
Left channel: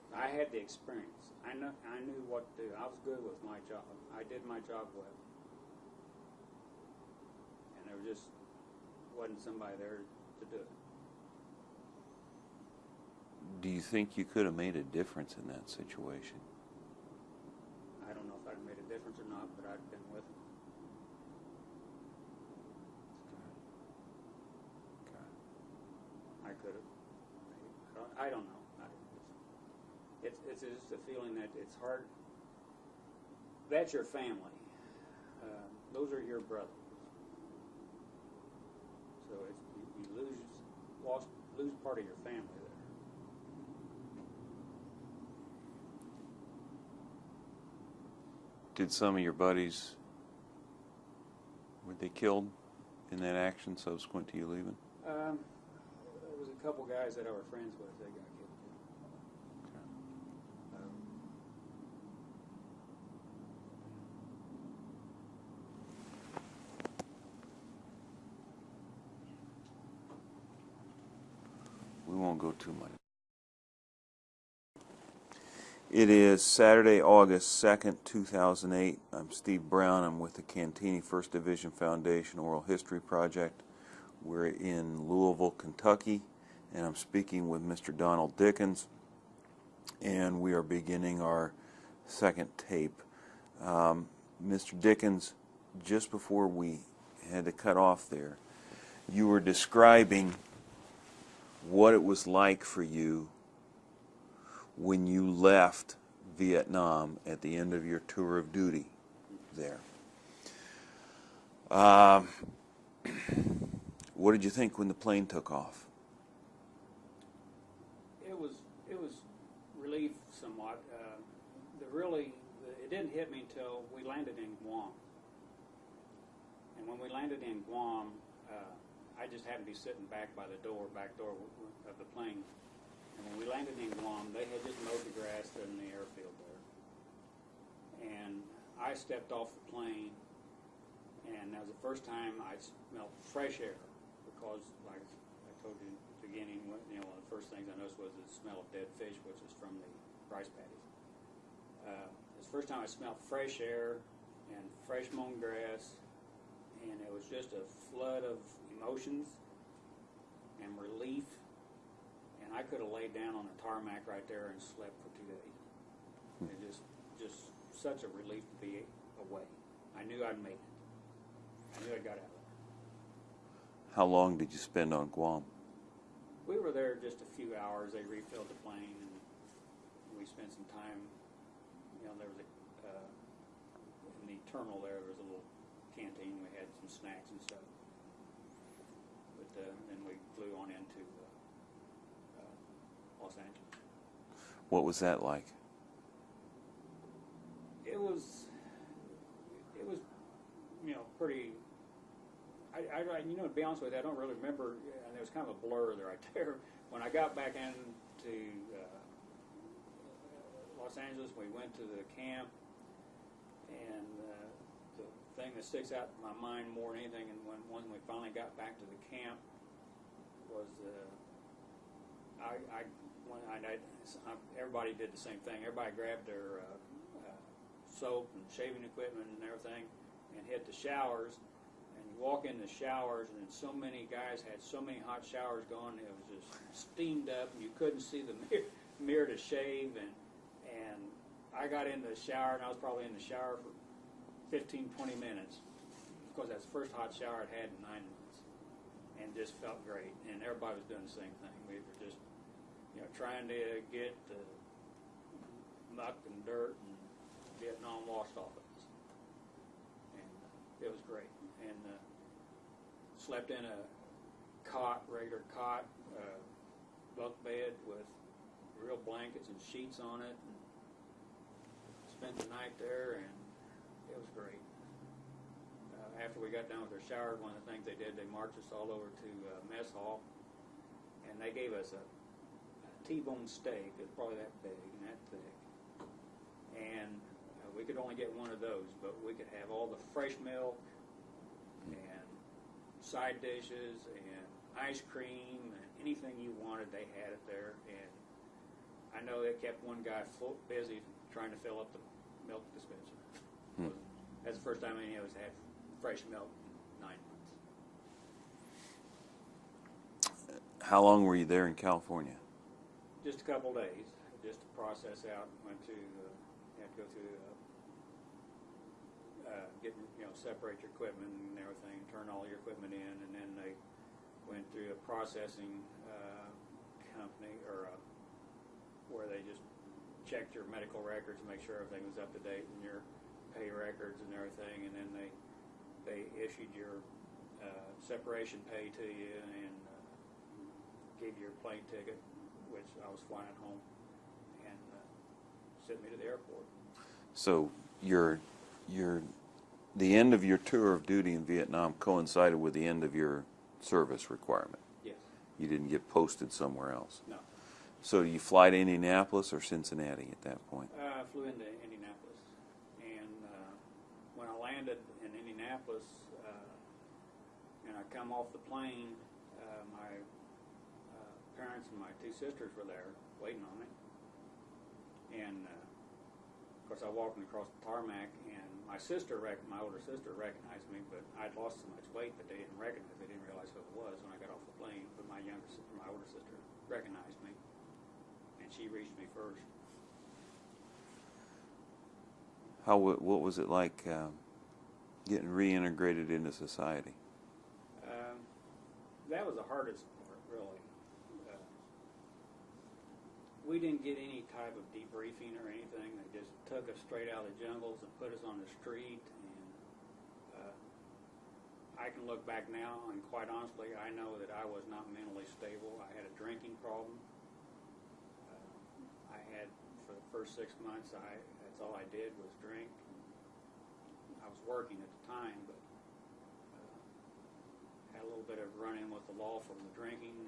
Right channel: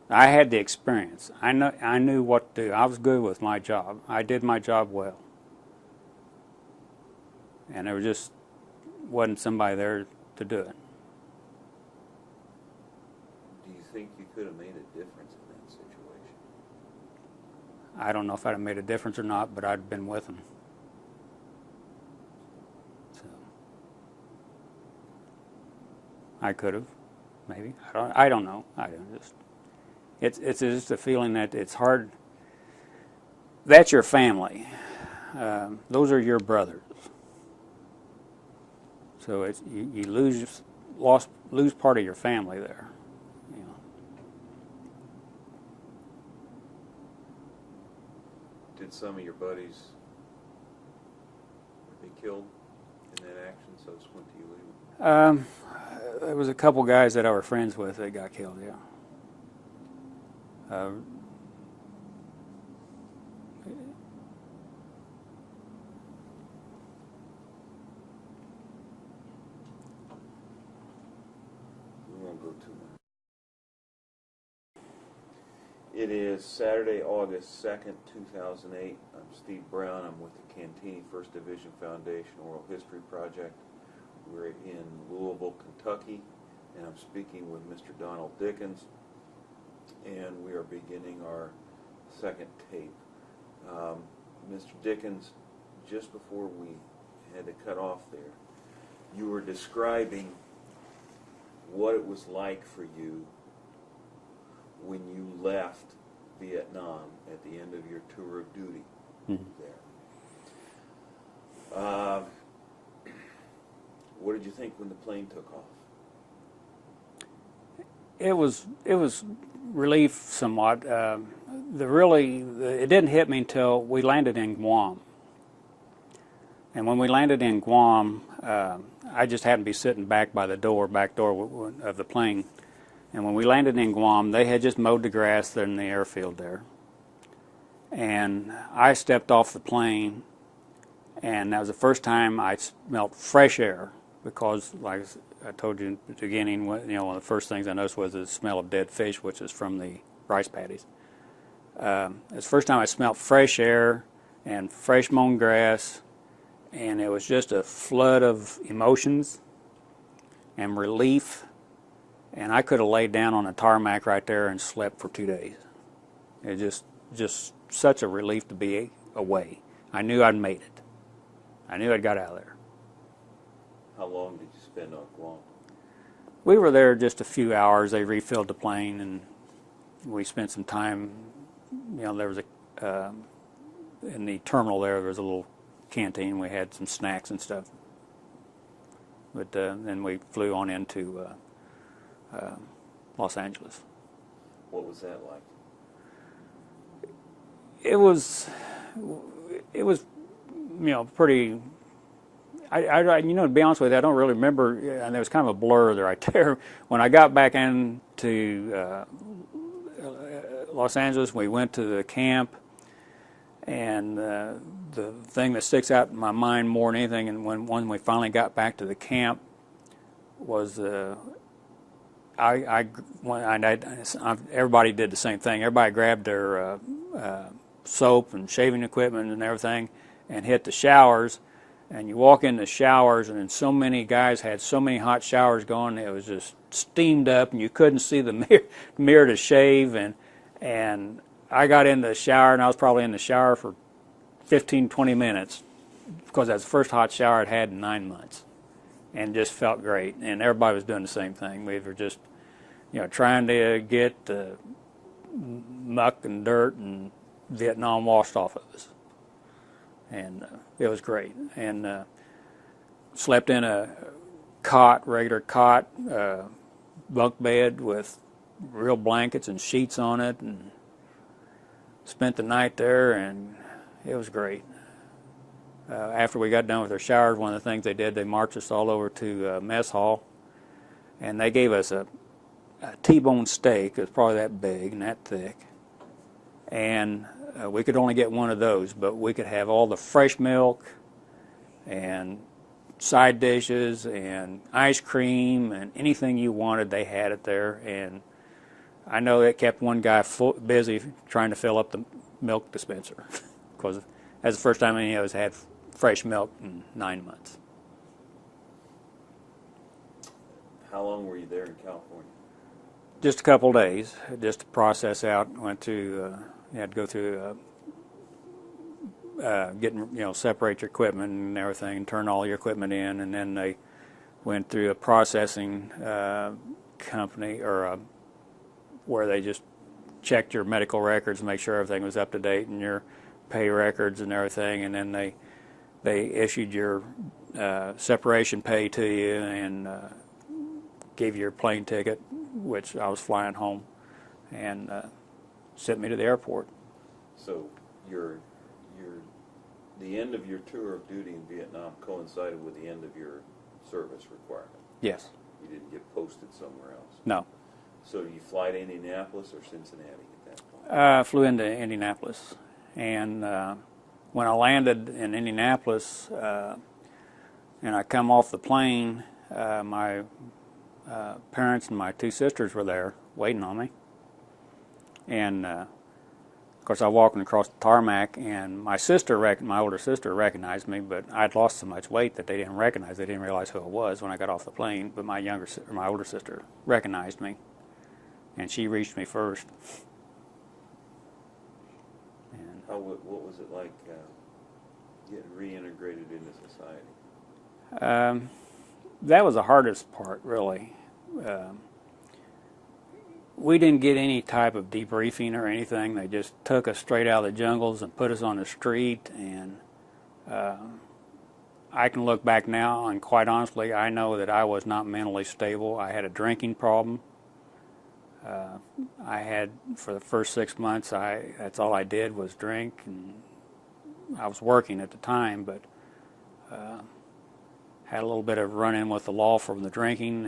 I had the experience. I knew what to do. I was good with my job. I did my job well. And there just wasn't somebody there to do it. Do you think you could have made a difference in that situation? I don't know if I'd have made a difference or not, but I'd been with them. So I could have, maybe. I don't know. It's just a feeling that it's hard. That's your family. Those are your brothers. So you lose part of your family there. You know. Did some of your buddies, were they killed in that action subsequent to you leaving? There was a couple guys that I were friends with that got killed, yeah. We won't go too much. It is Saturday, August 2nd, 2008. I'm Steve Brown. I'm with the Cantigny First Division Foundation Oral History Project. We're in Louisville, Kentucky, and I'm speaking with Mr. Donald Dickens, and we are beginning our second tape. Mr. Dickens, just before we had to cut off there, you were describing what it was like for you when you left Vietnam at the end of your tour of duty there. What did you think when the plane took off? It was relief somewhat. It didn't hit me until we landed in Guam. And when we landed in Guam, I just happened to be sitting back door of the plane. And when we landed in Guam, they had just mowed the grass in the airfield there. And I stepped off the plane, and that was the first time I smelled fresh air, because, like I told you at the beginning, one of the first things I noticed was the smell of dead fish, which is from the rice paddies. It's the first time I smelled fresh air and fresh mown grass, and it was just a flood of emotions and relief. And I could have laid down on a tarmac right there and slept for 2 days. It just such a relief to be away. I knew I'd made it. I knew I'd got out of there. How long did you spend on Guam? We were there just a few hours. They refilled the plane, and we spent some time. There was in the terminal there was a little canteen. We had some snacks and stuff. But then we flew on into Los Angeles. What was that like? It was pretty. To be honest with you, I don't really remember, and there was kind of a blur right there. When I got back into Los Angeles, we went to the camp, and the thing that sticks out in my mind more than anything, and when we finally got back to the camp, was everybody did the same thing. Everybody grabbed their soap and shaving equipment and everything and hit the showers. And you walk in the showers, and then so many guys had so many hot showers going, it was just steamed up, and you couldn't see the mirror to shave. And I got in the shower, and I was probably in the shower for 15, 20 minutes. because that's the first hot shower I'd had in 9 months, and just felt great. And everybody was doing the same thing. We were just, trying to get the muck and dirt and Vietnam washed off of us. And it was great. And slept in a regular cot, bunk bed with real blankets and sheets on it, and spent the night there, and it was great. After we got done with our showers, one of the things they did, they marched us all over to mess hall, and they gave us a T-bone steak. It was probably that big and that thick, and we could only get one of those, but we could have all the fresh milk and side dishes and ice cream and anything you wanted. They had it there, and I know it kept one guy busy trying to fill up the milk dispenser, because that's the first time any of us had fresh milk in 9 months. How long were you there in California? Just a couple days, just to process out. Went to, you had to go through getting, separate your equipment and everything, and turn all your equipment in, and then they went through a processing company, or where they just checked your medical records, make sure everything was up to date, and your pay records and everything, and then they issued your separation pay to you, and gave you your plane ticket, which I was flying home, and sent me to the airport. So the end of your tour of duty in Vietnam coincided with the end of your service requirement. Yes. You didn't get posted somewhere else. No. So you fly to Indianapolis or Cincinnati at that point? I flew into Indianapolis, and when I landed in Indianapolis, and I come off the plane, my parents and my two sisters were there waiting on me, and of course I walking across the tarmac, and my older sister recognized me, but I'd lost so much weight that they didn't realize who I was when I got off the plane. But my older sister recognized me, and she reached me first. What was it like getting reintegrated into society? That was the hardest part, really. We didn't get any type of debriefing or anything. They just took us straight out of the jungles and put us on the street, and I can look back now, and quite honestly, I know that I was not mentally stable. I had a drinking problem. I had, for the first 6 months, that's all I did was drink, and I was working at the time, but had a little bit of run-in with the law from the drinking,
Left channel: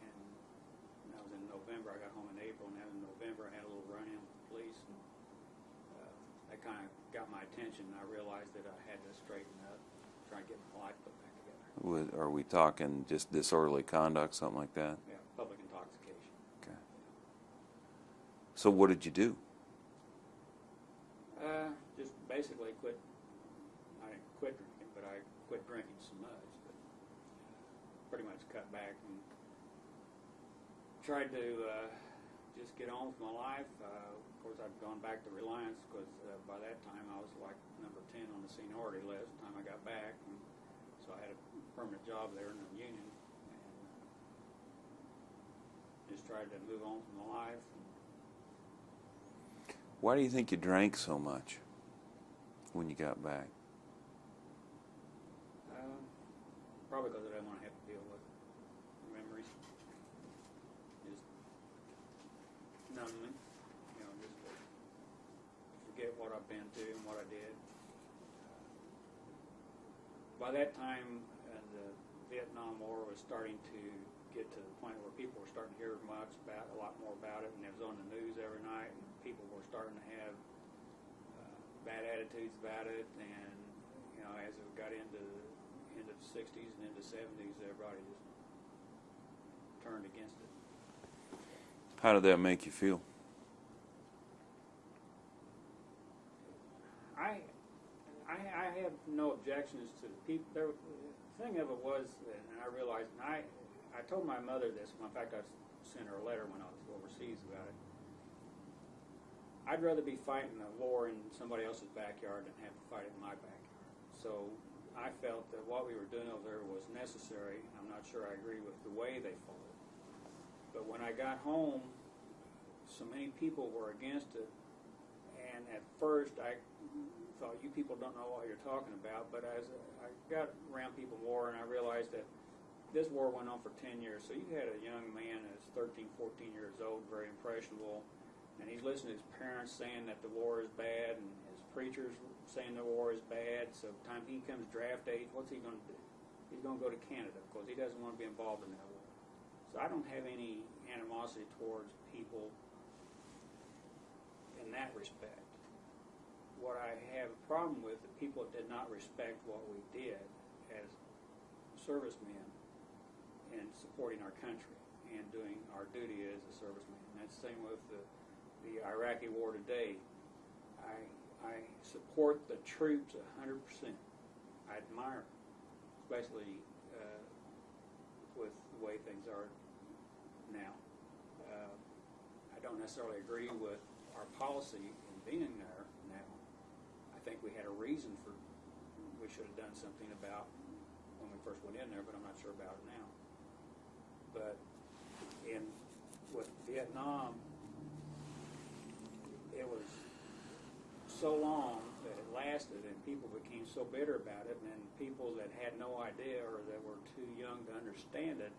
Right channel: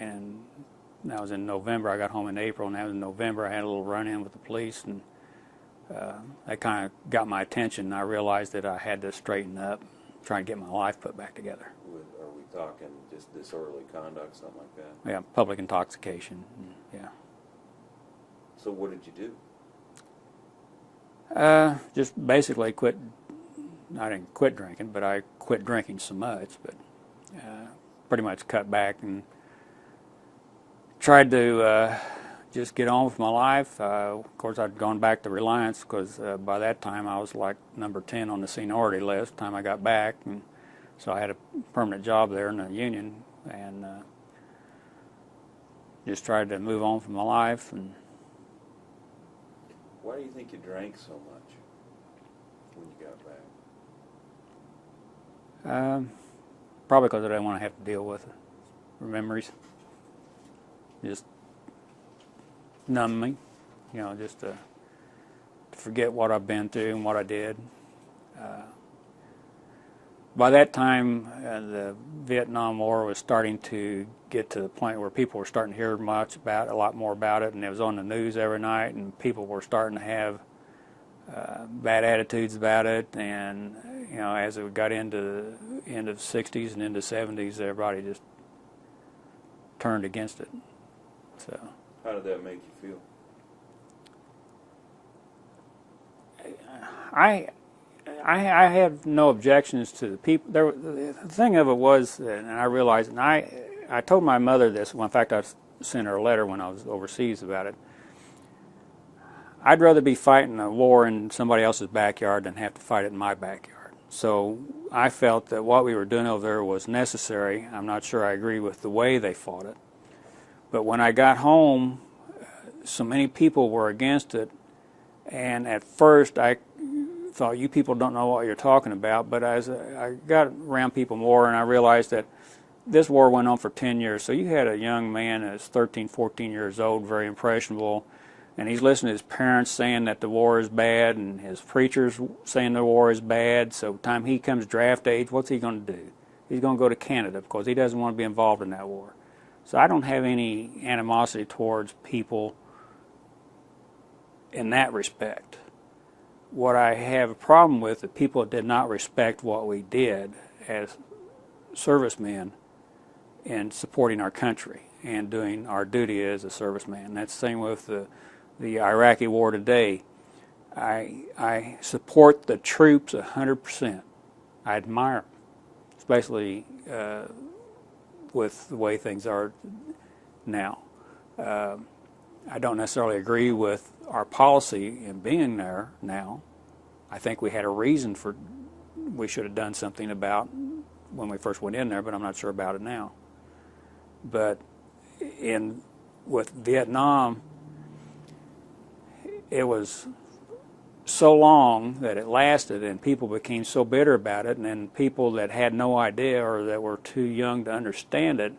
and that was in November. I got home in April, and that was in November. I had a little run-in with the police, and that kind of got my attention, and I realized that I had to straighten up, try and get my life put back together. Are we talking just disorderly conduct, something like that? Yeah, public intoxication, yeah. So what did you do? Just basically quit. I didn't quit drinking, but I quit drinking so much, but pretty much cut back and tried to just get on with my life. Of course, I'd gone back to Reliance, because by that time I was like number 10 on the seniority list the time I got back, and so I had a permanent job there in the union, and just tried to move on from my life. And why do you think you drank so much when you got back? Probably because I didn't want to have to deal with memories. Just numb me, just to forget what I've been through and what I did. By that time, the Vietnam War was starting to get to the point where people were starting to hear a lot more about it, and it was on the news every night, and people were starting to have bad attitudes about it. And as it got into the end of the 60s and into the 70s, everybody just turned against it. So, how did that make you feel? I have no objections to the people. The thing of it was, and I realized, and I told my mother this. Well, in fact, I sent her a letter when I was overseas about it. I'd rather be fighting a war in somebody else's backyard than have to fight it in my backyard. So I felt that what we were doing over there was necessary. I'm not sure I agree with the way they fought it. But when I got home, so many people were against it, and at first I thought, you people don't know what you're talking about, but as I got around people more and I realized that this war went on for 10 years. So you had a young man that's 13, 14 years old, very impressionable, and he's listening to his parents saying that the war is bad and his preachers saying the war is bad. So by the time he comes draft age, what's he going to do? He's going to go to Canada because he doesn't want to be involved in that war. So I don't have any animosity towards people in that respect. What I have a problem with is people that did not respect what we did as servicemen in supporting our country and doing our duty as a serviceman. That's the same with the Iraqi war today. I support the troops 100%. I admire them, especially with the way things are now. I don't necessarily agree with our policy in being there now. I think we had a reason for we should have done something about when we first went in there, but I'm not sure about it now. But with Vietnam, it was so long that it lasted, and people became so bitter about it, and then people that had no idea or that were too young to understand it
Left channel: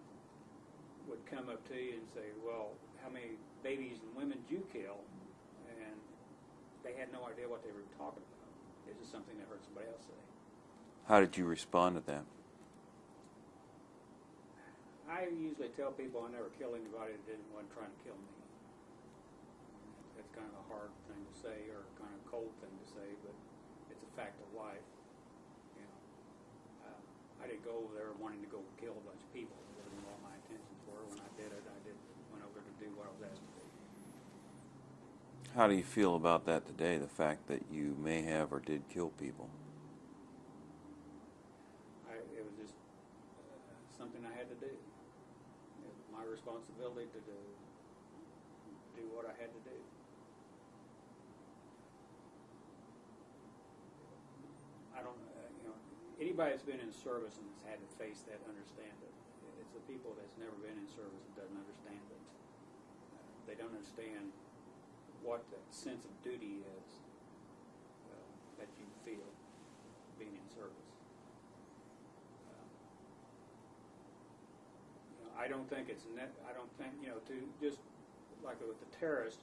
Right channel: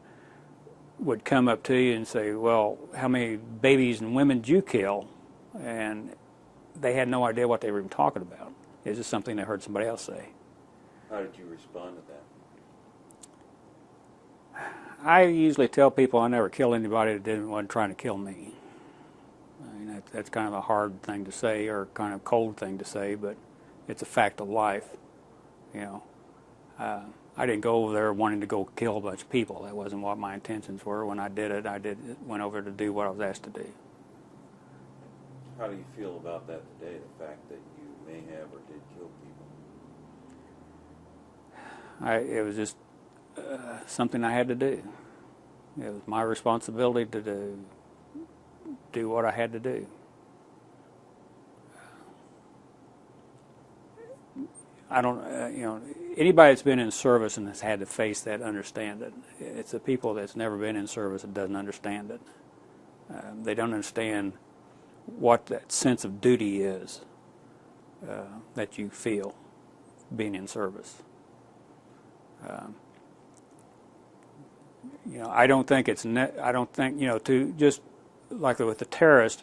would come up to you and say, well, how many babies and women did you kill? And they had no idea what they were even talking about. It's just something they heard somebody else say. How did you respond to that? I usually tell people I never kill anybody that wasn't trying to kill me. I mean, that's kind of a hard thing to say, or kind of cold thing to say, but it's a fact of life. You know, I didn't go over there wanting to go kill a bunch of people. That wasn't what my intentions were. When I did it, went over to do what I was asked to do. How do you feel about that today, the fact that you may have or did kill people? It was just something I had to do. It was my responsibility to do what I had to do. I don't, anybody that's been in service and has had to face that understand it. It's the people that's never been in service that doesn't understand it. They don't understand what that sense of duty is that you feel being in service. I don't think to just like with the terrorists,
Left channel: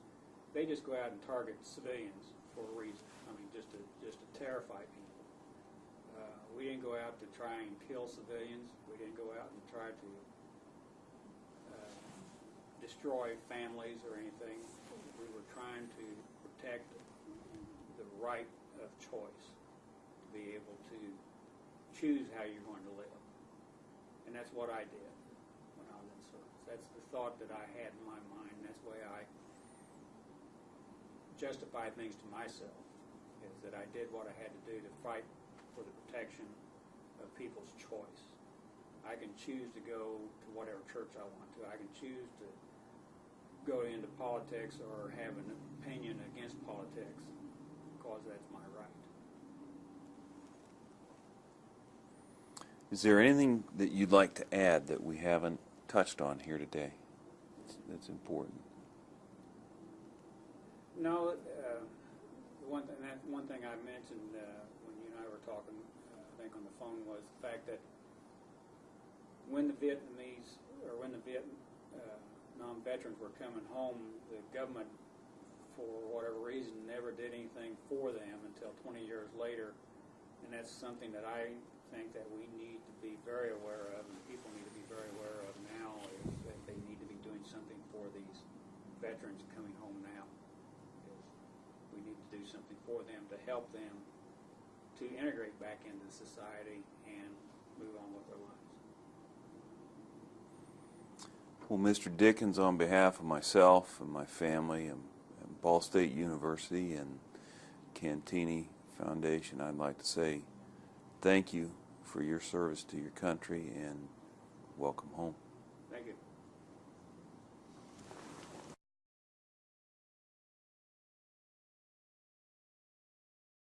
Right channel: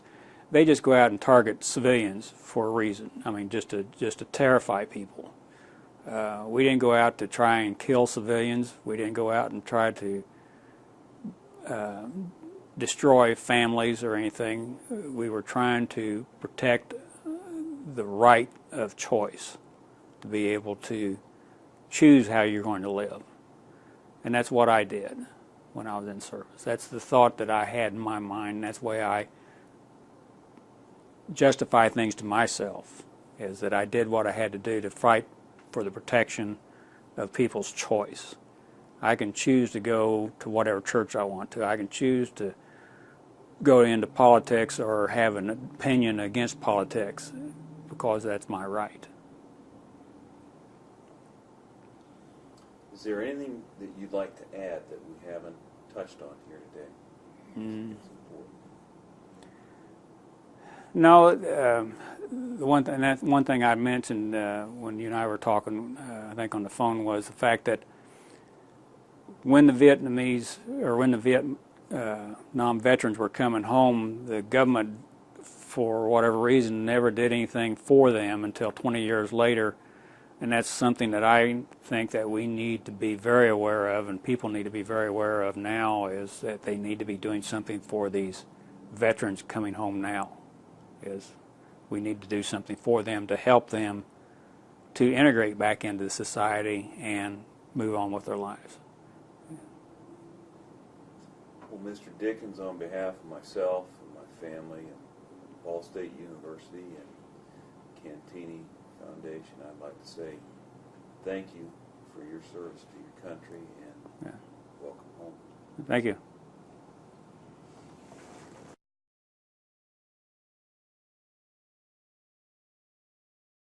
they just go out and target civilians for a reason. I mean, just to terrify people. We didn't go out to try and kill civilians. We didn't go out and try to destroy families or anything. We were trying to protect the right of choice, to be able to choose how you're going to live. And that's what I did when I was in service. That's the thought that I had in my mind. That's the way I justify things to myself, is that I did what I had to do to fight for the protection of people's choice. I can choose to go to whatever church I want to. I can choose to go into politics or have an opinion against politics because that's my right. Is there anything that you'd like to add that we haven't touched on here today? It's important. No, the one thing I mentioned when you and I were talking, I think on the phone, was the fact that when the Vietnam veterans were coming home, the government, for whatever reason, never did anything for them until 20 years later. And that's something that I think that we need to be very aware of, and people need to be very aware of now, is that they need to be doing something for these veterans coming home now. We need to do something for them to help them to integrate back into the society and move on with their lives. Well, Mr. Dickens, on behalf of myself and my family and Ball State University and Cantigny Foundation, I'd like to say thank you for your service to your country and welcome home. Thank you.